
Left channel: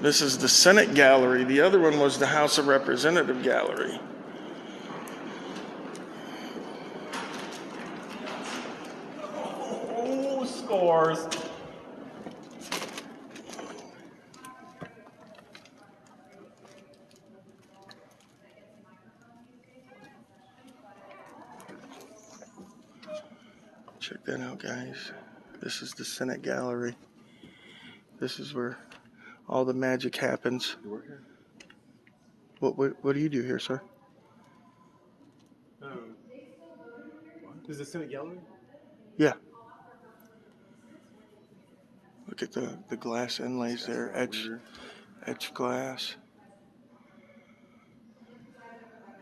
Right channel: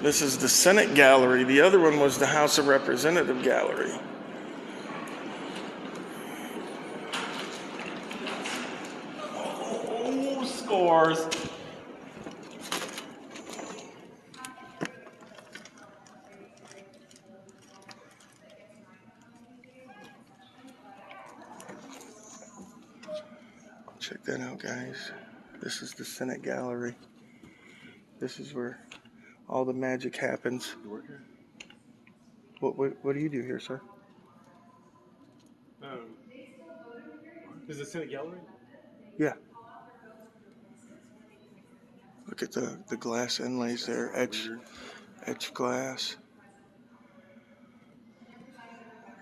This is the Senate Gallery. The other one was the House of Representative Gallery. scores. Check that out, guys. This is the Senate gallery. This is where all the magic happens. You work here? What do you do here, sir? Is the Senate gallery? Yeah. Look at the glass inlays there, etched glass.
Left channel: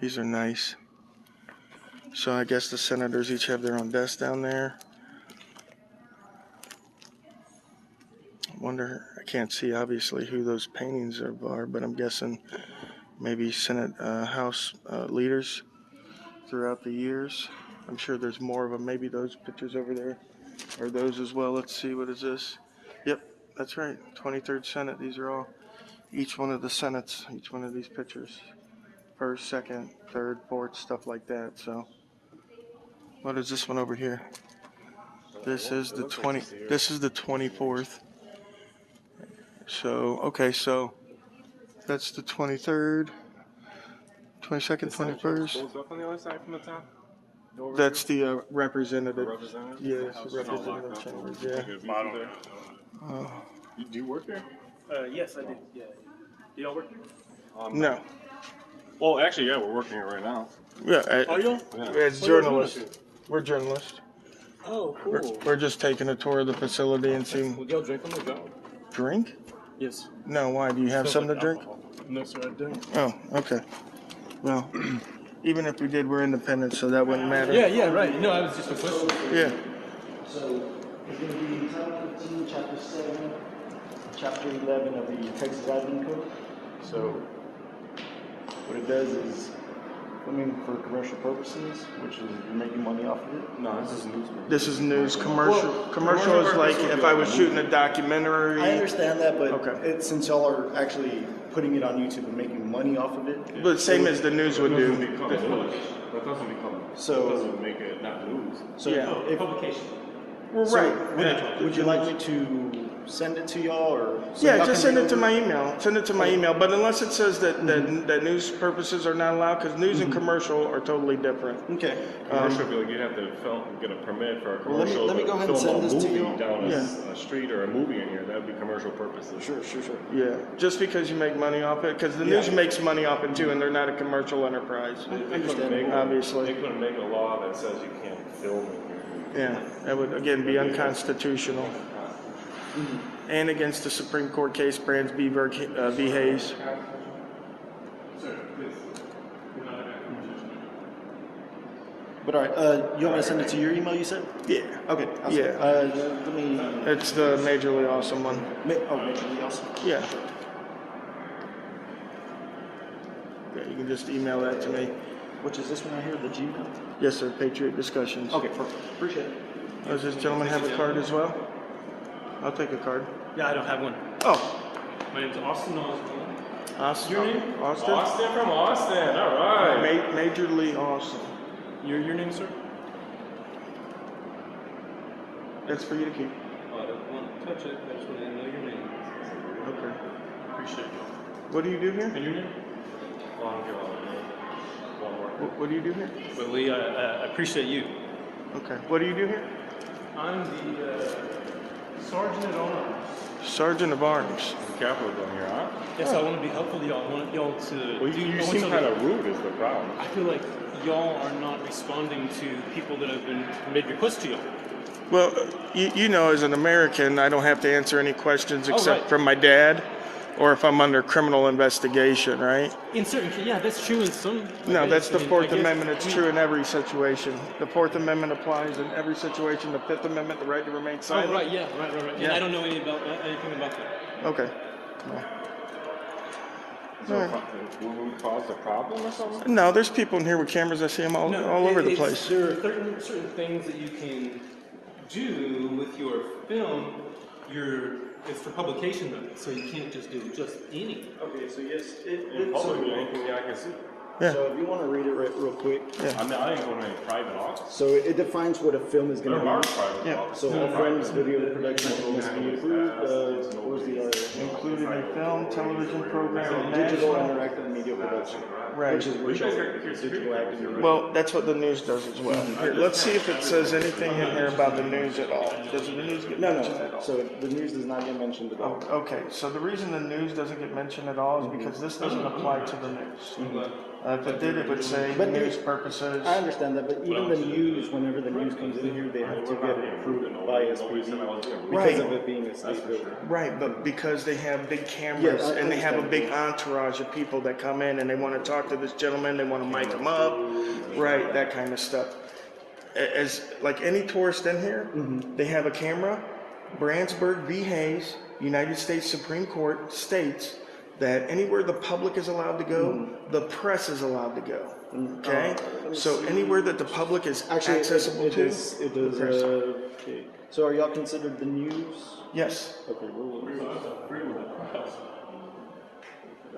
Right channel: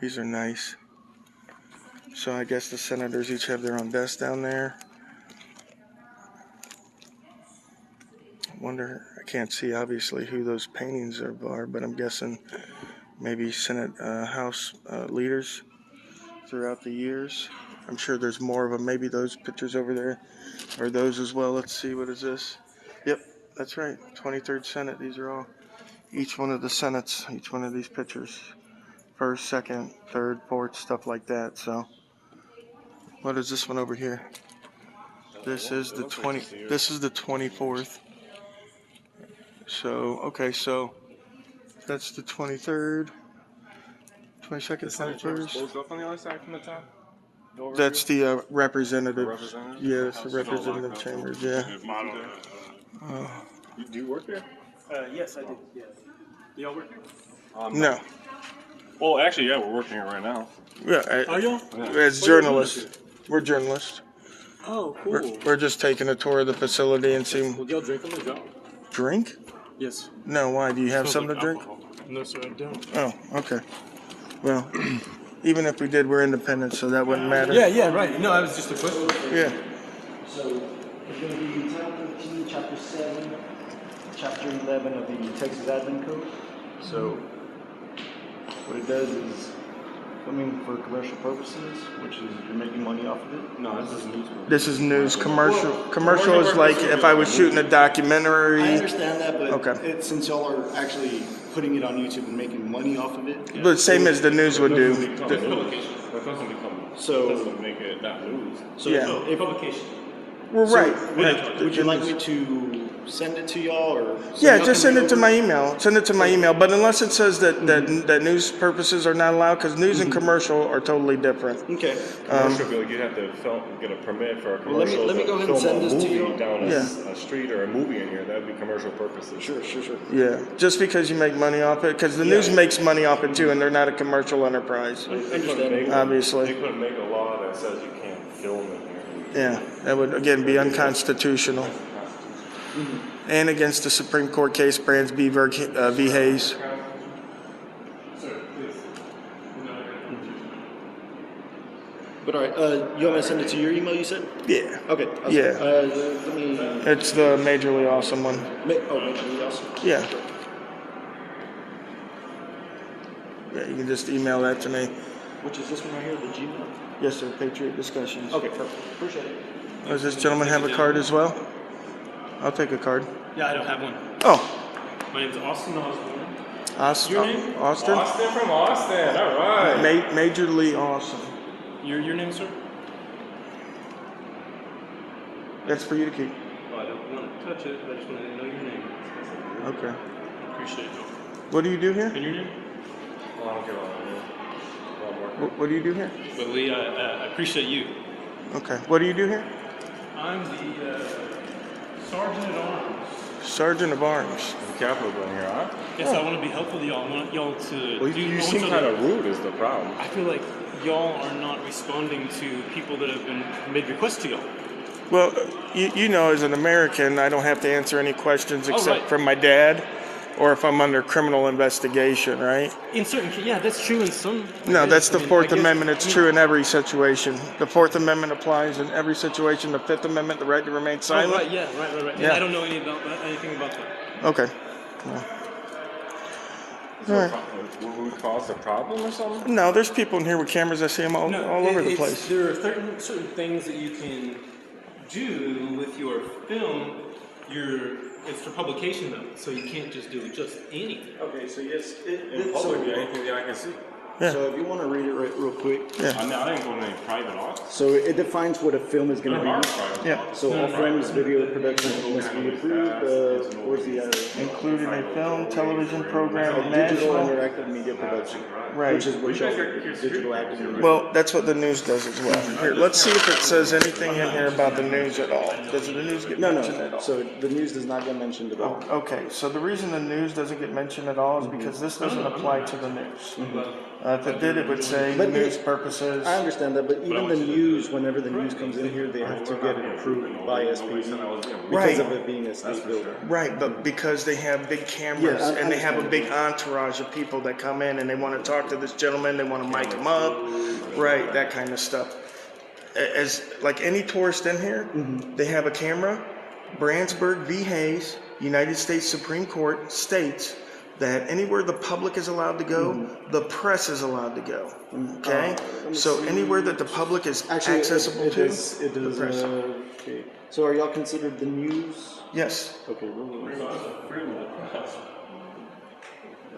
These are nice. So I guess the senators each have their own desk down there. I wonder, I can't see obviously who those paintings are, but I'm guessing maybe Senate House leaders throughout the years. I'm sure there's more of them. Maybe those pictures over there are those as well. Let's see, what is this? Yep, that's right, 23rd Senate. These are all, each one of the Senates, each one of these pictures. First, second, third, fourth, stuff like that. So, what is this one over here? This is the 20. This is the 24th. So, okay, so that's the 23rd, 22nd, 21st. On the other side from the top. That's the representative. Representative? Yeah, it's the representative chambers. Yeah. Do you work there? Yes, I do. Yeah. Do y'all work here? No. Well, actually, yeah, we're working here right now. Yeah. Are y'all? As journalists, we're journalists. Oh, cool. We're just taking a tour of the facility and seeing. Would y'all drink on the job? Drink? Yes. No. Why? Do you have something to drink? No, sir, I don't. Oh, okay. Well, even if we did, we're independent, so that wouldn't matter. Yeah, right. No, that was just a question. Yeah. So it's going to be Title 13, Chapter 7, Chapter 11 of the Texas Admin Code. So what it does is, I mean, for commercial purposes, which is you're making money off of it. No, this is news. This is news. Commercial is like if I was shooting a documentary. I understand that, but Okay. since y'all are actually putting it on YouTube and making money off of it. The same as the news would do. That doesn't become. So- That doesn't make it not news. So Yeah. if, Publication. Well, so right. would you like me to send it to y'all or? Yeah, just send it to my email. Send it to my email. But unless it says that news purposes are not allowed, because news and commercial are totally different. Okay. Commercial, you have to get a permit for a Well, commercial. let me go ahead and film send a this to movie you. down Yeah. a street or a movie in here. That would be commercial purposes. Sure. Yeah, just because you make money off it, because the news makes money off it too, and they're not a commercial enterprise, obviously. They couldn't make a law that says you can't film in here. Yeah, that would again be unconstitutional. And against the Supreme Court case, Brands v. Hayes. But all right, you want me to send it to your email? You said? Yeah. Okay. Awesome. Yeah. Let me. It's the majorly awesome one. Majorly awesome. Yeah. Yeah, you can just email that to me. Which is this one right here, the Gmail? Yes, sir. Patriot Discussions. Okay, perfect. Appreciate it. Does this gentleman have a card as well? I'll take a card. Yeah, I don't have one. Oh. My name's Austin Osborne. Austin. Your name? Austin? Austin from Austin. All right. Majorly awesome. Your name, sir? That's for you to keep. Oh, I don't want to touch it. I just want to know your name. Okay. Appreciate it. What do you do here? And your name? What do you do here? But Lee, I appreciate you. Okay. What do you do here? I'm the Sergeant at Arms. Sergeant of Arms. Capitol building here, huh? Yes, I want to be helpful to y'all. I want y'all to Well, do. you I want seem y'all kind to. of rude is the problem. I feel like y'all are not responding to people that have been made requests to y'all. Well, you know, as an American, I don't have to answer any questions except right. from my dad, or if I'm under criminal investigation, right? In certain, yeah, that's true in some. No, ways. that's the I mean, Fourth I guess- Amendment. It's true in every situation. The Fourth Amendment applies in every situation. The Fifth Amendment, the right to remain Oh, silent. right, yeah, right. Yeah. I don't know anything about that. Okay. All right. Will we cause a problem or something? No, there's people in here with cameras. I see them all over the place. There are certain things that you can do with your film. It's for publication though, so you can't just do just any. Okay, so yes, In public, anything that I can see. Yeah. So if you want to read it real quick. Yeah. I didn't go to any private office. So it defines what a film is going to There are be. private Yeah. offices. So all films, video production must be approved. Where's the other? Including a film, television program, and Digital national. interactive media production. Right. Which is digital active media. Well, that's what the news does as well. Here, let's see if it says anything in here about the news at all. Does the news get mentioned at all? So the news does not get mentioned at all. Okay, so the reason the news doesn't get mentioned at all is because this doesn't apply to the news. If it did, it would say But news purposes. I understand that, but even the news, whenever the news comes in here, they have to get it approved by SPV because of it being a state building. Right, but because they have big cameras Yeah, I and they have a understand. big entourage of people that come in and they want to talk to this gentleman, they want to mic him up, right, that kind of stuff. As like any tourist in here, they have a camera. Brandsburg v. Hayes, United States Supreme Court states that anywhere the public is allowed to go, the press is allowed to go. Okay? So anywhere that the public is accessible to, the press. Okay. So are y'all considered the news? Yes. Okay.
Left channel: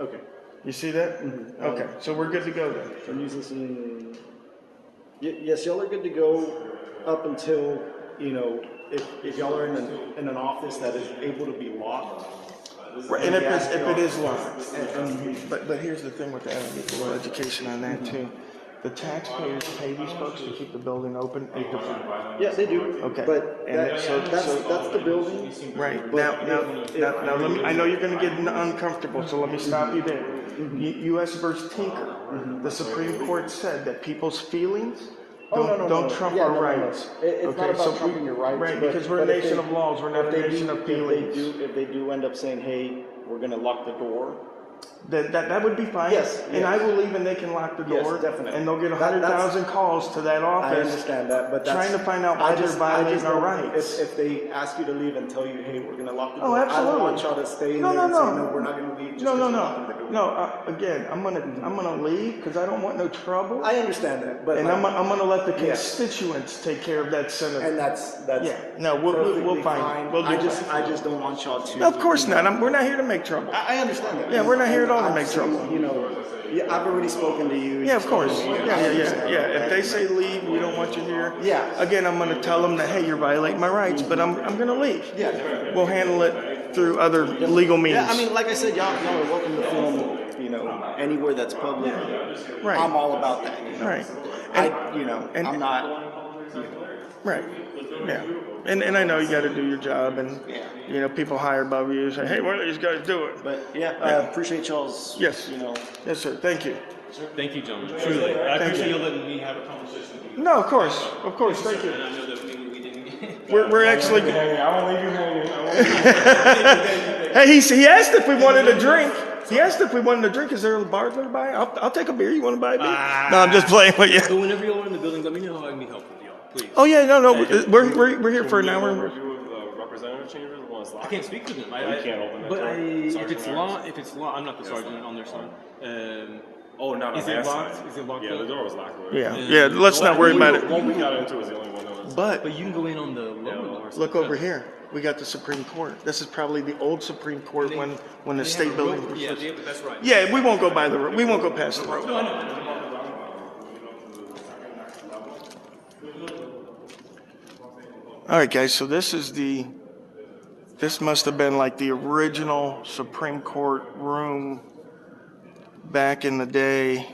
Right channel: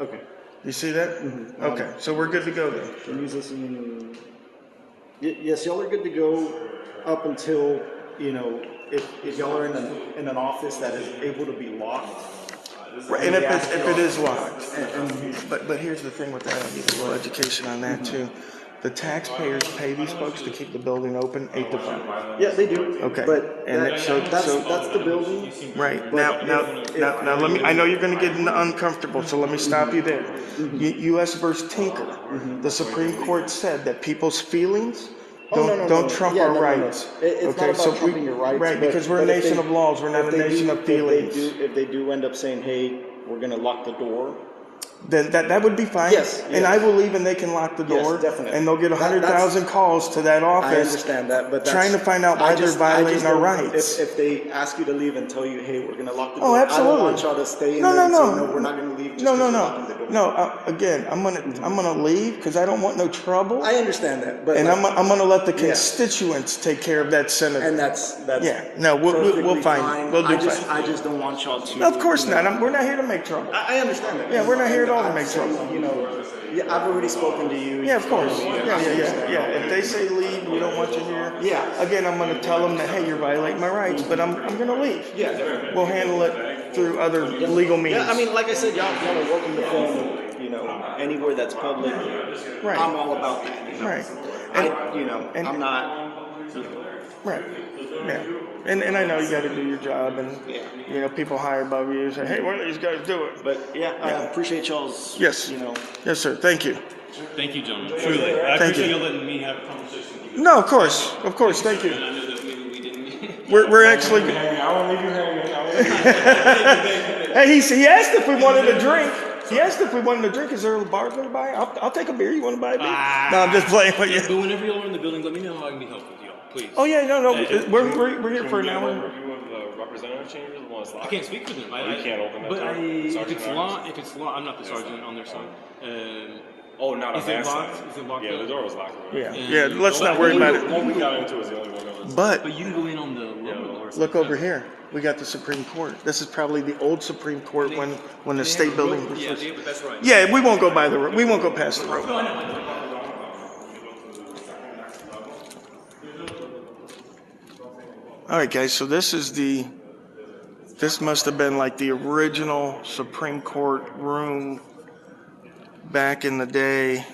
Okay. You see that? Okay, so we're good to go then. The news listening. Yes, y'all are good to go up until, if y'all are in an office that is able to be locked. Right, and if it is locked. But here's the thing with that, I'll give you a little education on that too. The taxpayers pay these folks to keep the building open 8 to 5. Yeah, they do. Okay. But that's the building. Right. Now let me, I know you're gonna get uncomfortable, so let me stop you there. U.S. versus Tinker, the Supreme Court said that people's feelings don't trump our rights. It's not about trumping your rights. Right, because we're a nation of laws, we're not a nation of feelings. If they do end up saying, hey, we're gonna lock the door. Then that would be fine. Yes. And I will leave and they can lock the door. Yes, definitely. And they'll get 100,000 calls to that office. I understand that, but trying to find out why they're violating our rights. If they ask you to leave and tell you, hey, we're going to lock the door, Oh, absolutely. I don't want y'all to stay in there and say, no, we're not going to leave just because we're locking the door. No, again, I'm gonna leave because I don't want no trouble. I understand that, but and I'm gonna let the constituents take care of that senator. And that's yeah. No, we'll find. We'll do fine. I just don't want y'all to. No, of course not. We're not here to make trouble. I understand that. Yeah, we're not here at all to make trouble. I've already spoken to you. Yeah, of course. Yeah. If they say leave, we don't want you here. Yeah. Again, I'm gonna tell them that hey, you're violating my rights, but I'm gonna leave. Yeah. We'll handle it through other legal means. Yeah, I mean, like I said, y'all are working the film, anywhere that's public. Right. I'm all about that. Right. I'm not. Right. Yeah. And I know you got to do your job, and people hire above you say, hey, why don't these guys do it? But I appreciate y'all's. Yes. Yes, sir. Thank you. Thank you, gentlemen. Truly, I appreciate you letting me have a conversation with you. No, of course, thank you. And I know that maybe we didn't. We're actually. I will leave you hanging. Hey, he asked if we wanted a drink. He asked if we wanted a drink. Is there a bar nearby? I'll take a beer. You want to buy a beer? No, I'm just playing with you. So whenever y'all are in the building, let me know how I can be helpful with y'all, please. Oh yeah, no, we're here for an hour. Representative chambers. I can't speak for them. You can't open that But door. if it's locked, I'm not the sergeant on their side. Oh, not is on it their locked? side. Is it locked? Yeah, the door was locked. Yeah. Let's not worry about it. One we got into was the only one that was. But you can go in on the. Look over here. We got the Supreme Court. This is probably the old Supreme Court when the state building was first. That's right. Yeah, we won't go by the road. We won't go past the road. All right, guys. So this must have been like the original Supreme Court room back in the day.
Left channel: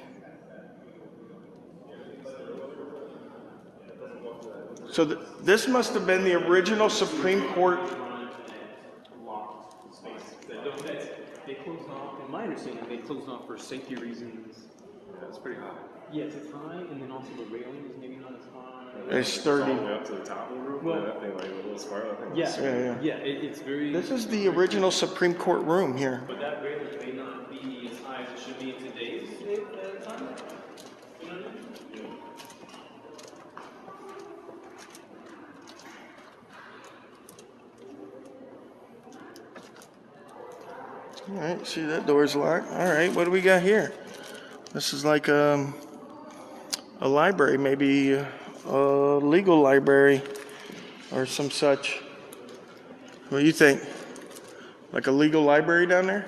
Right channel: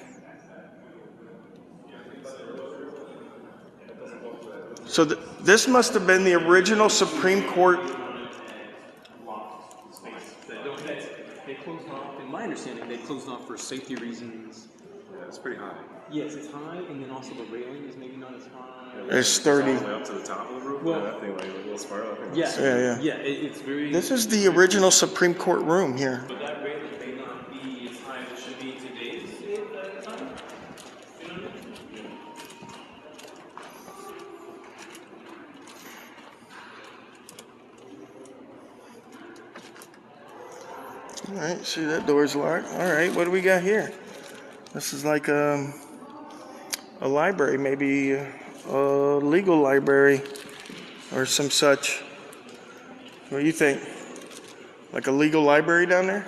So this must have been the original Supreme Court. They closed off, in my understanding, they closed off for safety reasons. It's pretty high. Yes, it's high, and then also the railing is maybe not as high. It's sturdy. Up to the top of the roof. Well, that thing like a little spiral. Yeah. It's very. This is the original Supreme Court room here. But that railing may not be as high as it should be in today's time. You know what I mean? All right, see that door's locked. All right, what do we got here? This is like a library, maybe a legal library or some such. What do you think? Like a legal library down there?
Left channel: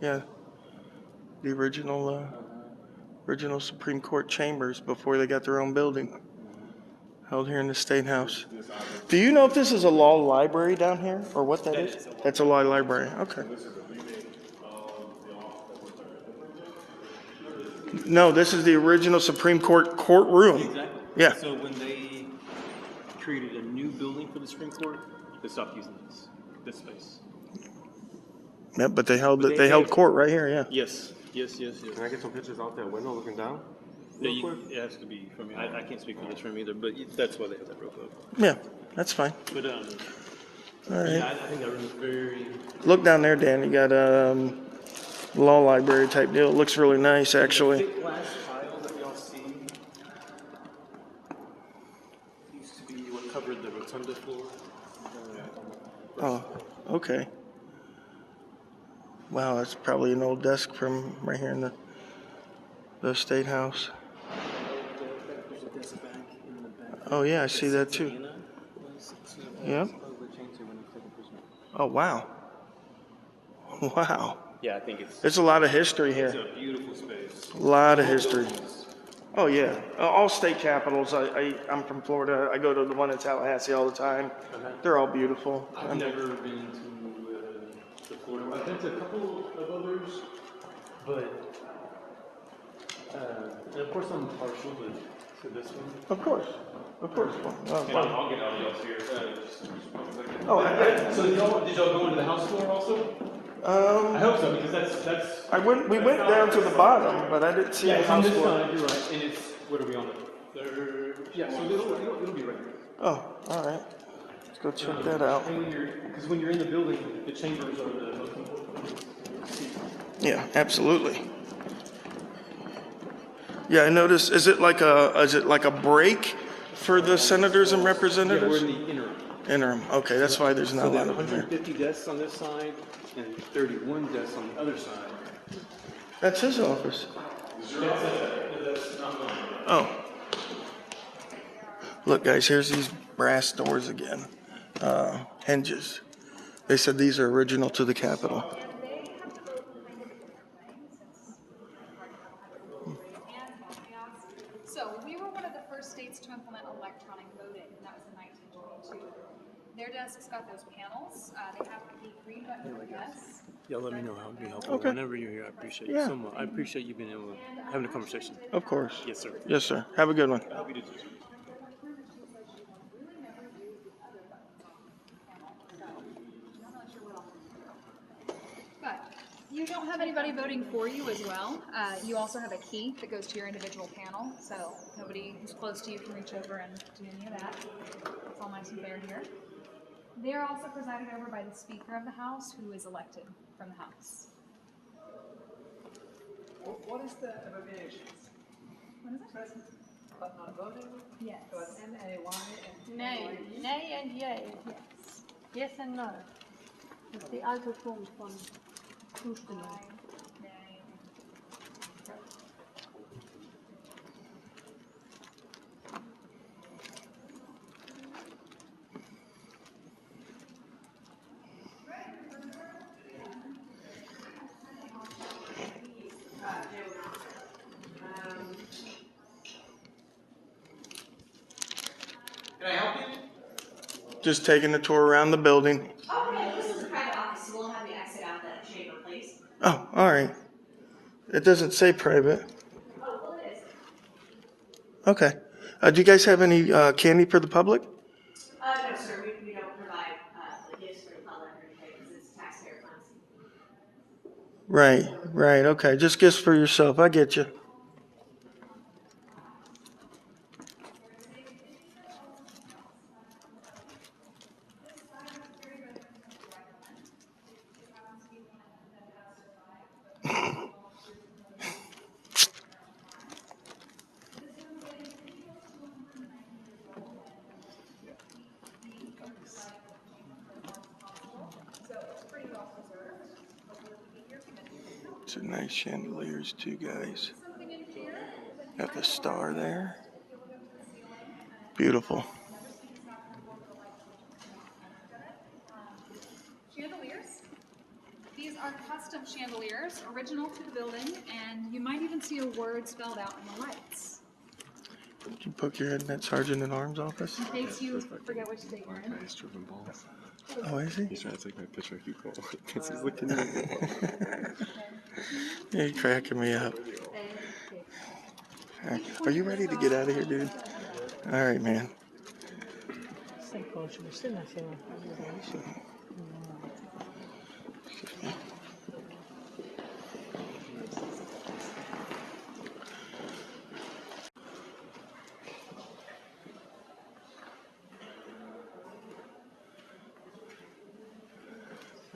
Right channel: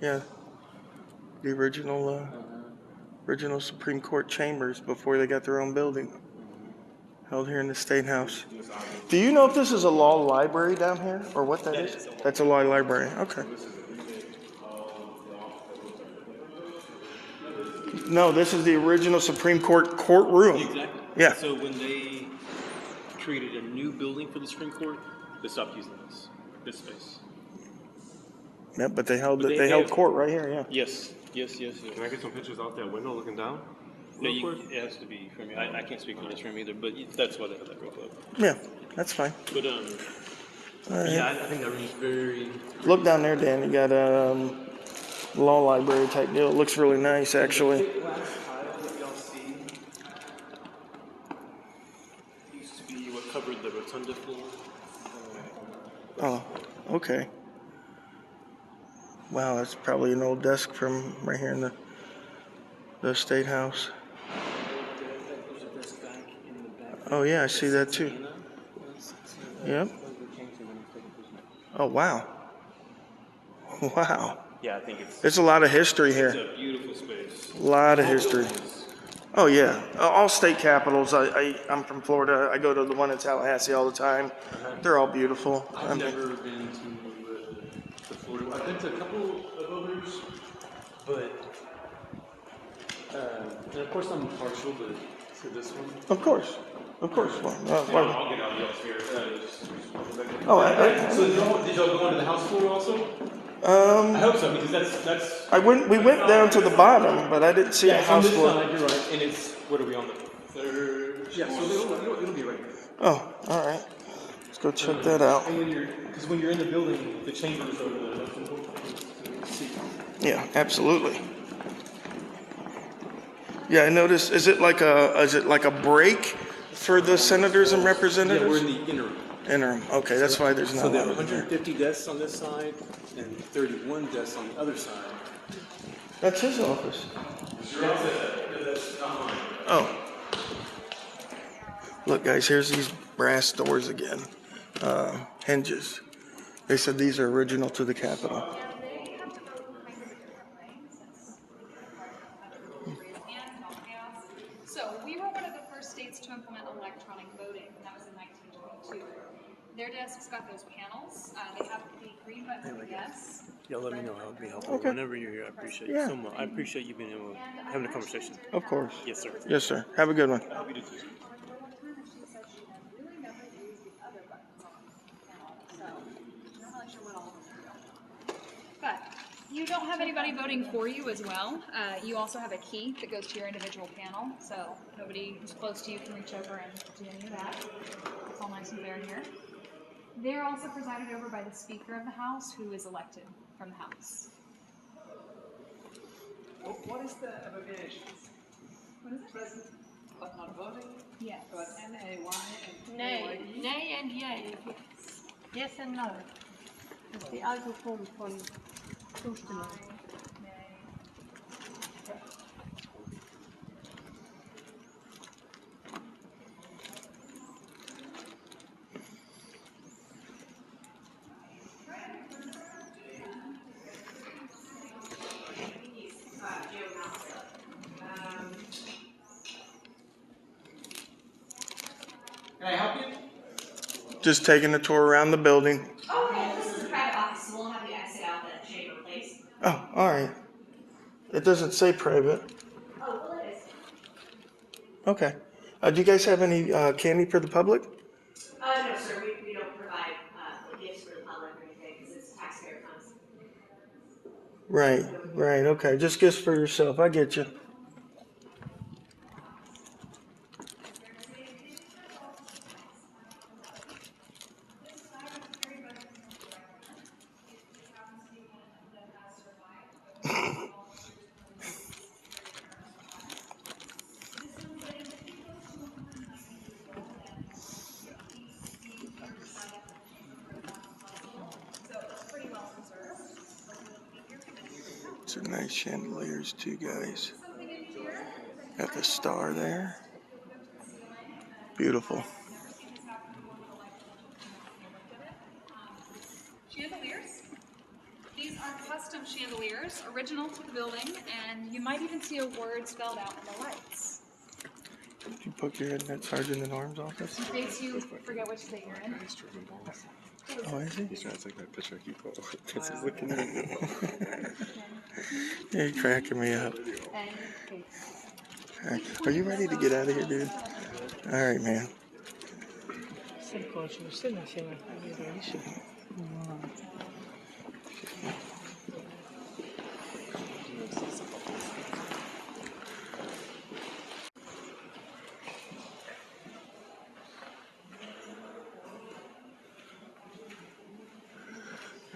Yeah. The original Supreme Court chambers before they got their own building. Held here in the State House. Do you know if this is a law library down here or what that is? That's a law library. Okay. No, this is the original Supreme Court courtroom. Exactly. Yeah. So when they created a new building for the Supreme Court, they stopped using this space. Yeah, but they held court right here. Yeah. Yes. Can I get some pictures out that window looking down? No, it has to be from me. I can't speak for this room either, but that's why they have that real quick. Yeah, that's fine. But All right. yeah, I think that room's very. Look down there, Dan. You got a law library type deal. It looks really nice, actually. The glass tile that y'all see used to be what covered the rotunda floor. Oh, okay. Wow, that's probably an old desk from right here in the State House. Oh yeah, I see that too. Yep. Oh wow. Wow. Yeah, I think There's a lot of history here. It's a beautiful space. A lot of history. Oh yeah, all state capitals. I'm from Florida. I go to the one in Tallahassee all the time. They're all beautiful. I've never been to Florida. I've been to a couple of others, but and of course I'm partial to this one. Of course. I'll get out of here. Oh, so did y'all go into the house floor also? I hope so, because that's. We went down to the bottom, but I didn't see the house floor. You're right, and it's, what are we on, the third? Yeah, so it'll be right here. Oh, all right. Let's go check that out. And because when you're in the building, the chambers are the most important things to see. Yeah, absolutely. Yeah, I noticed. Is it like a break for the senators and representatives? Yeah, we're in the interim. Interim. Okay, that's why there's not So a there lot are of them there. 150 desks on this side and 31 desks on the other side. That's his office. That's not mine. Oh. Look, guys, here's these brass doors again. Hinges. They said these are original to the Capitol. So we were one of the first states to implement electronic voting, and that was in 1922. Their desks got those panels. They have the green button for yes. Yeah, let me know. That would be helpful. Okay. Whenever you're here, I appreciate Yeah. you so much. I appreciate you being able to having a conversation. Of course. Yes, sir. Yes, sir. Have a good one. I'll be the teacher. But you don't have anybody voting for you as well. You also have a key that goes to your individual panel, so nobody who's close to you can reach over and do any of that. It's all nice and fair here. They're also presided over by the Speaker of the House, who is elected from the House. What is the abbreviation? What is it? Present but not voting? Yes. So it's N-A-Y and Nay, N-A-Y-E? nay and yay. Yes. Yes and no. Das ist die alte Form von Zustimmung. Can I help you? Just taking a tour around the building. Okay, this is a private office, so we'll have you exit out the chamber, please. Oh, all right. It doesn't say private. Oh, well, it is. Okay. Do you guys have any candy for the public? No, sir, we don't provide gifts for the public or anything, because it's taxpayer funds. Right. Okay. Just gifts for yourself. I get you. These are nice chandeliers too, guys. Got the star there. Beautiful. Chandeliers. These are custom chandeliers, original to the building, and you might even see a word spelled out in the lights. Did you poke your head in that sergeant at arms office? In case you forget which state you're in. Oh, is he? He's trying to take that picture. Keep going. He's looking at me. You're cracking me up. All right. Are you ready to get out of here, dude? All right, man.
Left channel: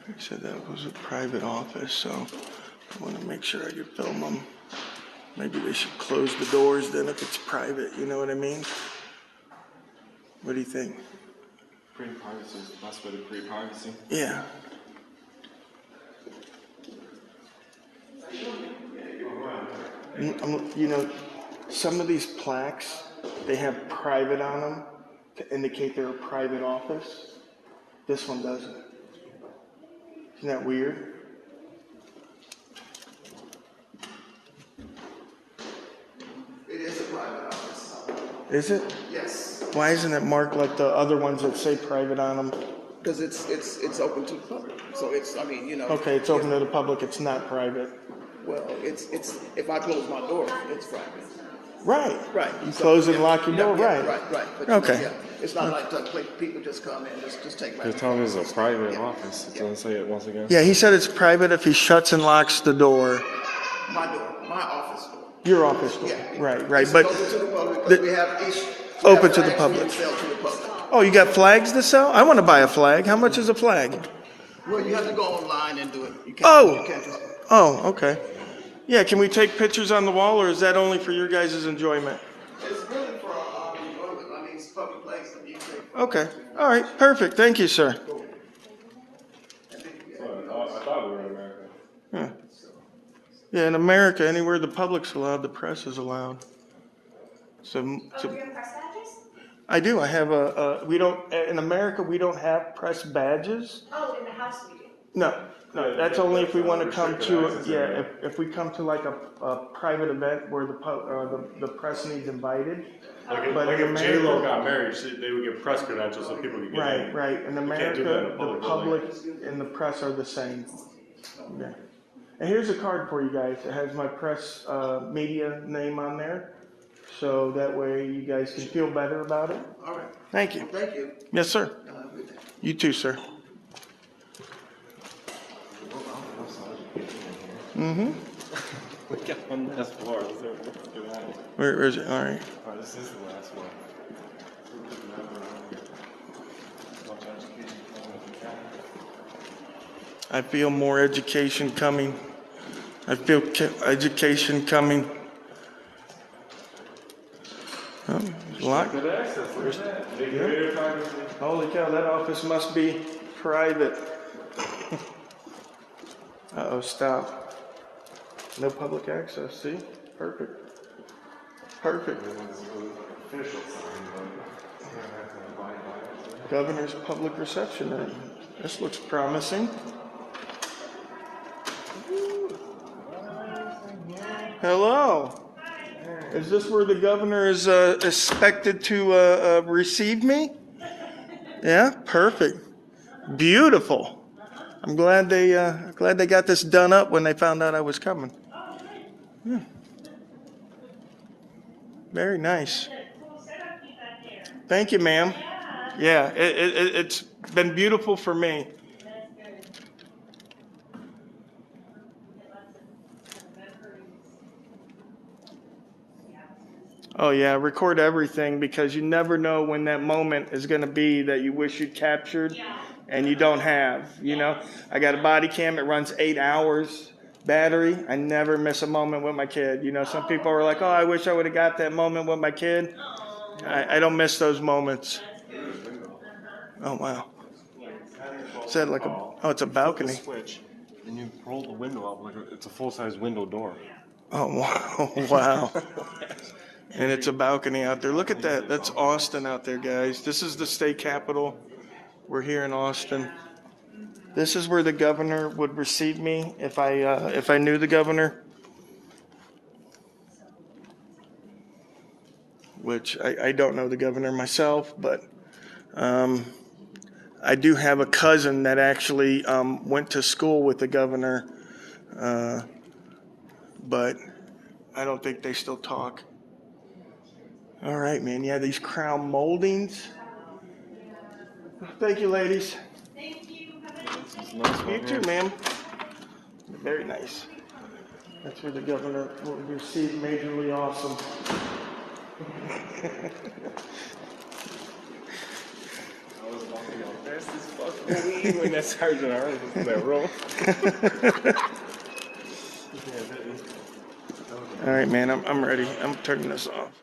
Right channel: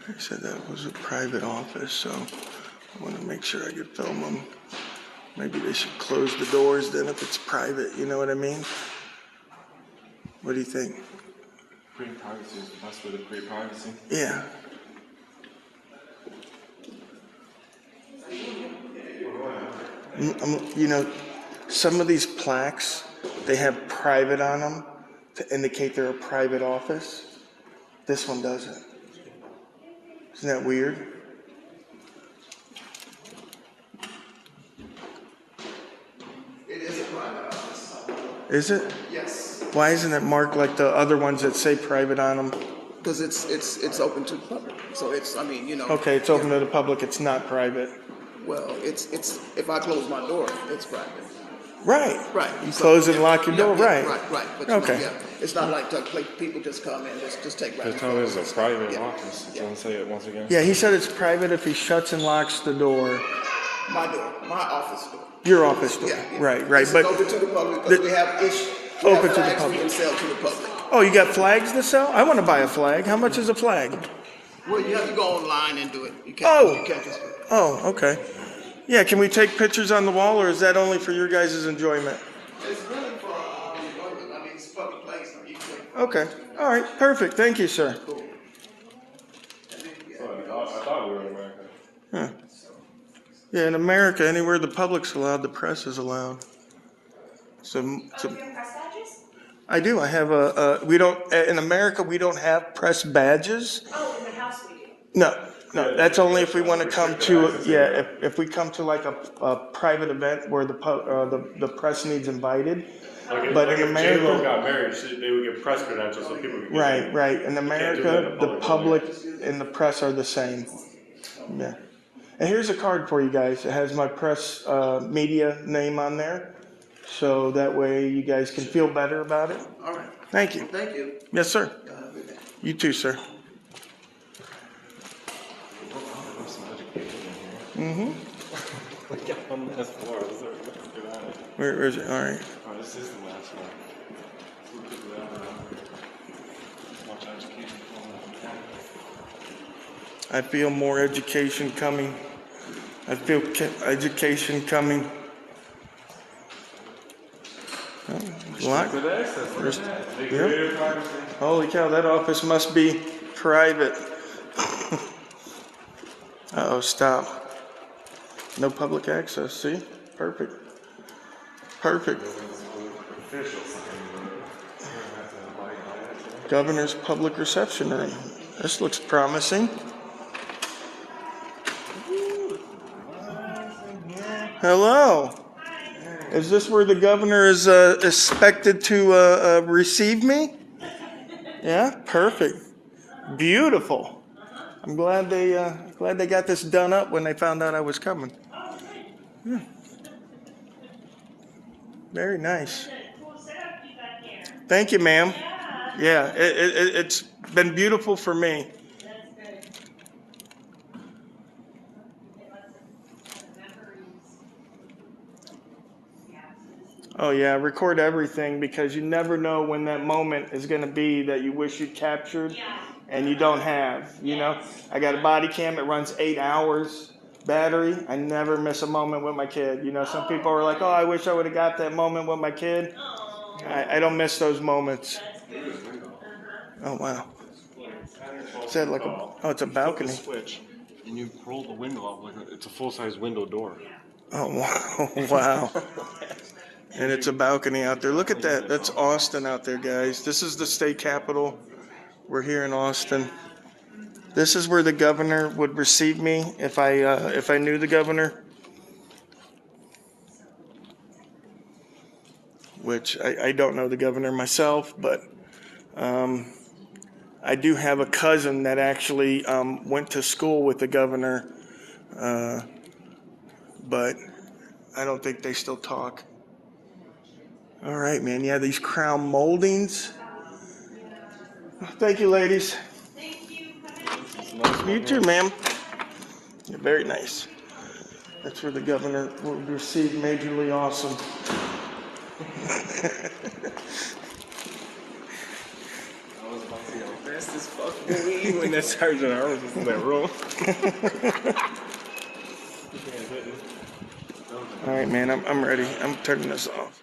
I said that was a private office, so I want to make sure I could film them. Maybe they should close the doors then if it's private, you know what I mean? What do you think? Creating privacy is the best way to create privacy. Yeah. You know, some of these plaques, they have private on them to indicate they're a private office. This one doesn't. Isn't that weird? It is a private office. Is it? Yes. Why isn't it marked like the other ones that say private on them? Because it's open to the public. So it's, I mean, you know. Okay, it's open to the public, it's not private. Well, it's if I close my door, it's private. Right. Right. You close and lock your door, right. Right. But Okay. yeah, it's not like people just come in, just take right. They're telling us it's a private office. Do you want to say it once again? Yeah, he said it's private if he shuts and locks the door. My door, my office door. Your office door. Yeah. Right. It's But open to the public because we have open to the flags we public. can sell to the public. Oh, you got flags to sell? I want to buy a flag. How much is a flag? Well, you have to go online and do it. You can't. Oh. You can't just. Oh, okay. Yeah, can we take pictures on the wall, or is that only for your guys' enjoyment? It's really for I mean, it's a public place. I mean, you can take. Okay. All right. Perfect. Thank you, sir. I thought we were in America. Huh. Yeah, in America, anywhere the public's allowed, the press is allowed. So, Do you have press badges? I do. I have we don't, in America, we don't have press badges. Oh, in the house we do. No, that's only if we want to come to, yeah, if we come to like a private event where the press needs invited. But in if America, J-Lo got married, they would give press credentials so people could get in. right. In America, the public and the press are the same. Yeah. And here's a card for you guys. It has my press media name on there. So that way you guys can feel better about it. All right. Thank you. Thank you. Yes, sir. You too, sir. Mm-hmm. Look at one last floor. Where is it? All right. This is the last floor. Much education. I feel more education coming. I feel education coming. Oh, lock. Yeah. Holy cow, that office must be private. Uh-oh, stop. No public access, see? Perfect. Perfect. Governor's public reception room. This looks promising. Hello. Is this where the governor is expected to receive me? Yeah, perfect. Beautiful. I'm glad they got this done up when they found out I was coming. Yeah. Very nice. Thank you, ma'am. Yeah, it's been beautiful for me. Oh yeah, record everything because you never know when that moment is going to be that you wish you captured and you don't have. You know, I got a body cam. It runs 8 hours battery. I never miss a moment with my kid. You know, some people are like, oh, I wish I would have got that moment with my kid. I don't miss those moments. Oh wow. Is that like it's a balcony. Switch, and you roll the window up like it's a full-size window door. Oh wow. Wow. And it's a balcony out there. Look at that. That's Austin out there, guys. This is the state capitol. We're here in Austin. This is where the governor would receive me if I knew the governor. Which I don't know the governor myself, but I do have a cousin that actually went to school with the governor, but I don't think they still talk. All right, man. Yeah, these crown moldings. Thank you, ladies. Thank you. Have a nice day. You too, ma'am. You're very nice. That's where the governor will receive Majorly Awesome. Fast as fuck when that Sergeant Harris was in that room. All right, man. I'm ready. I'm turning this off.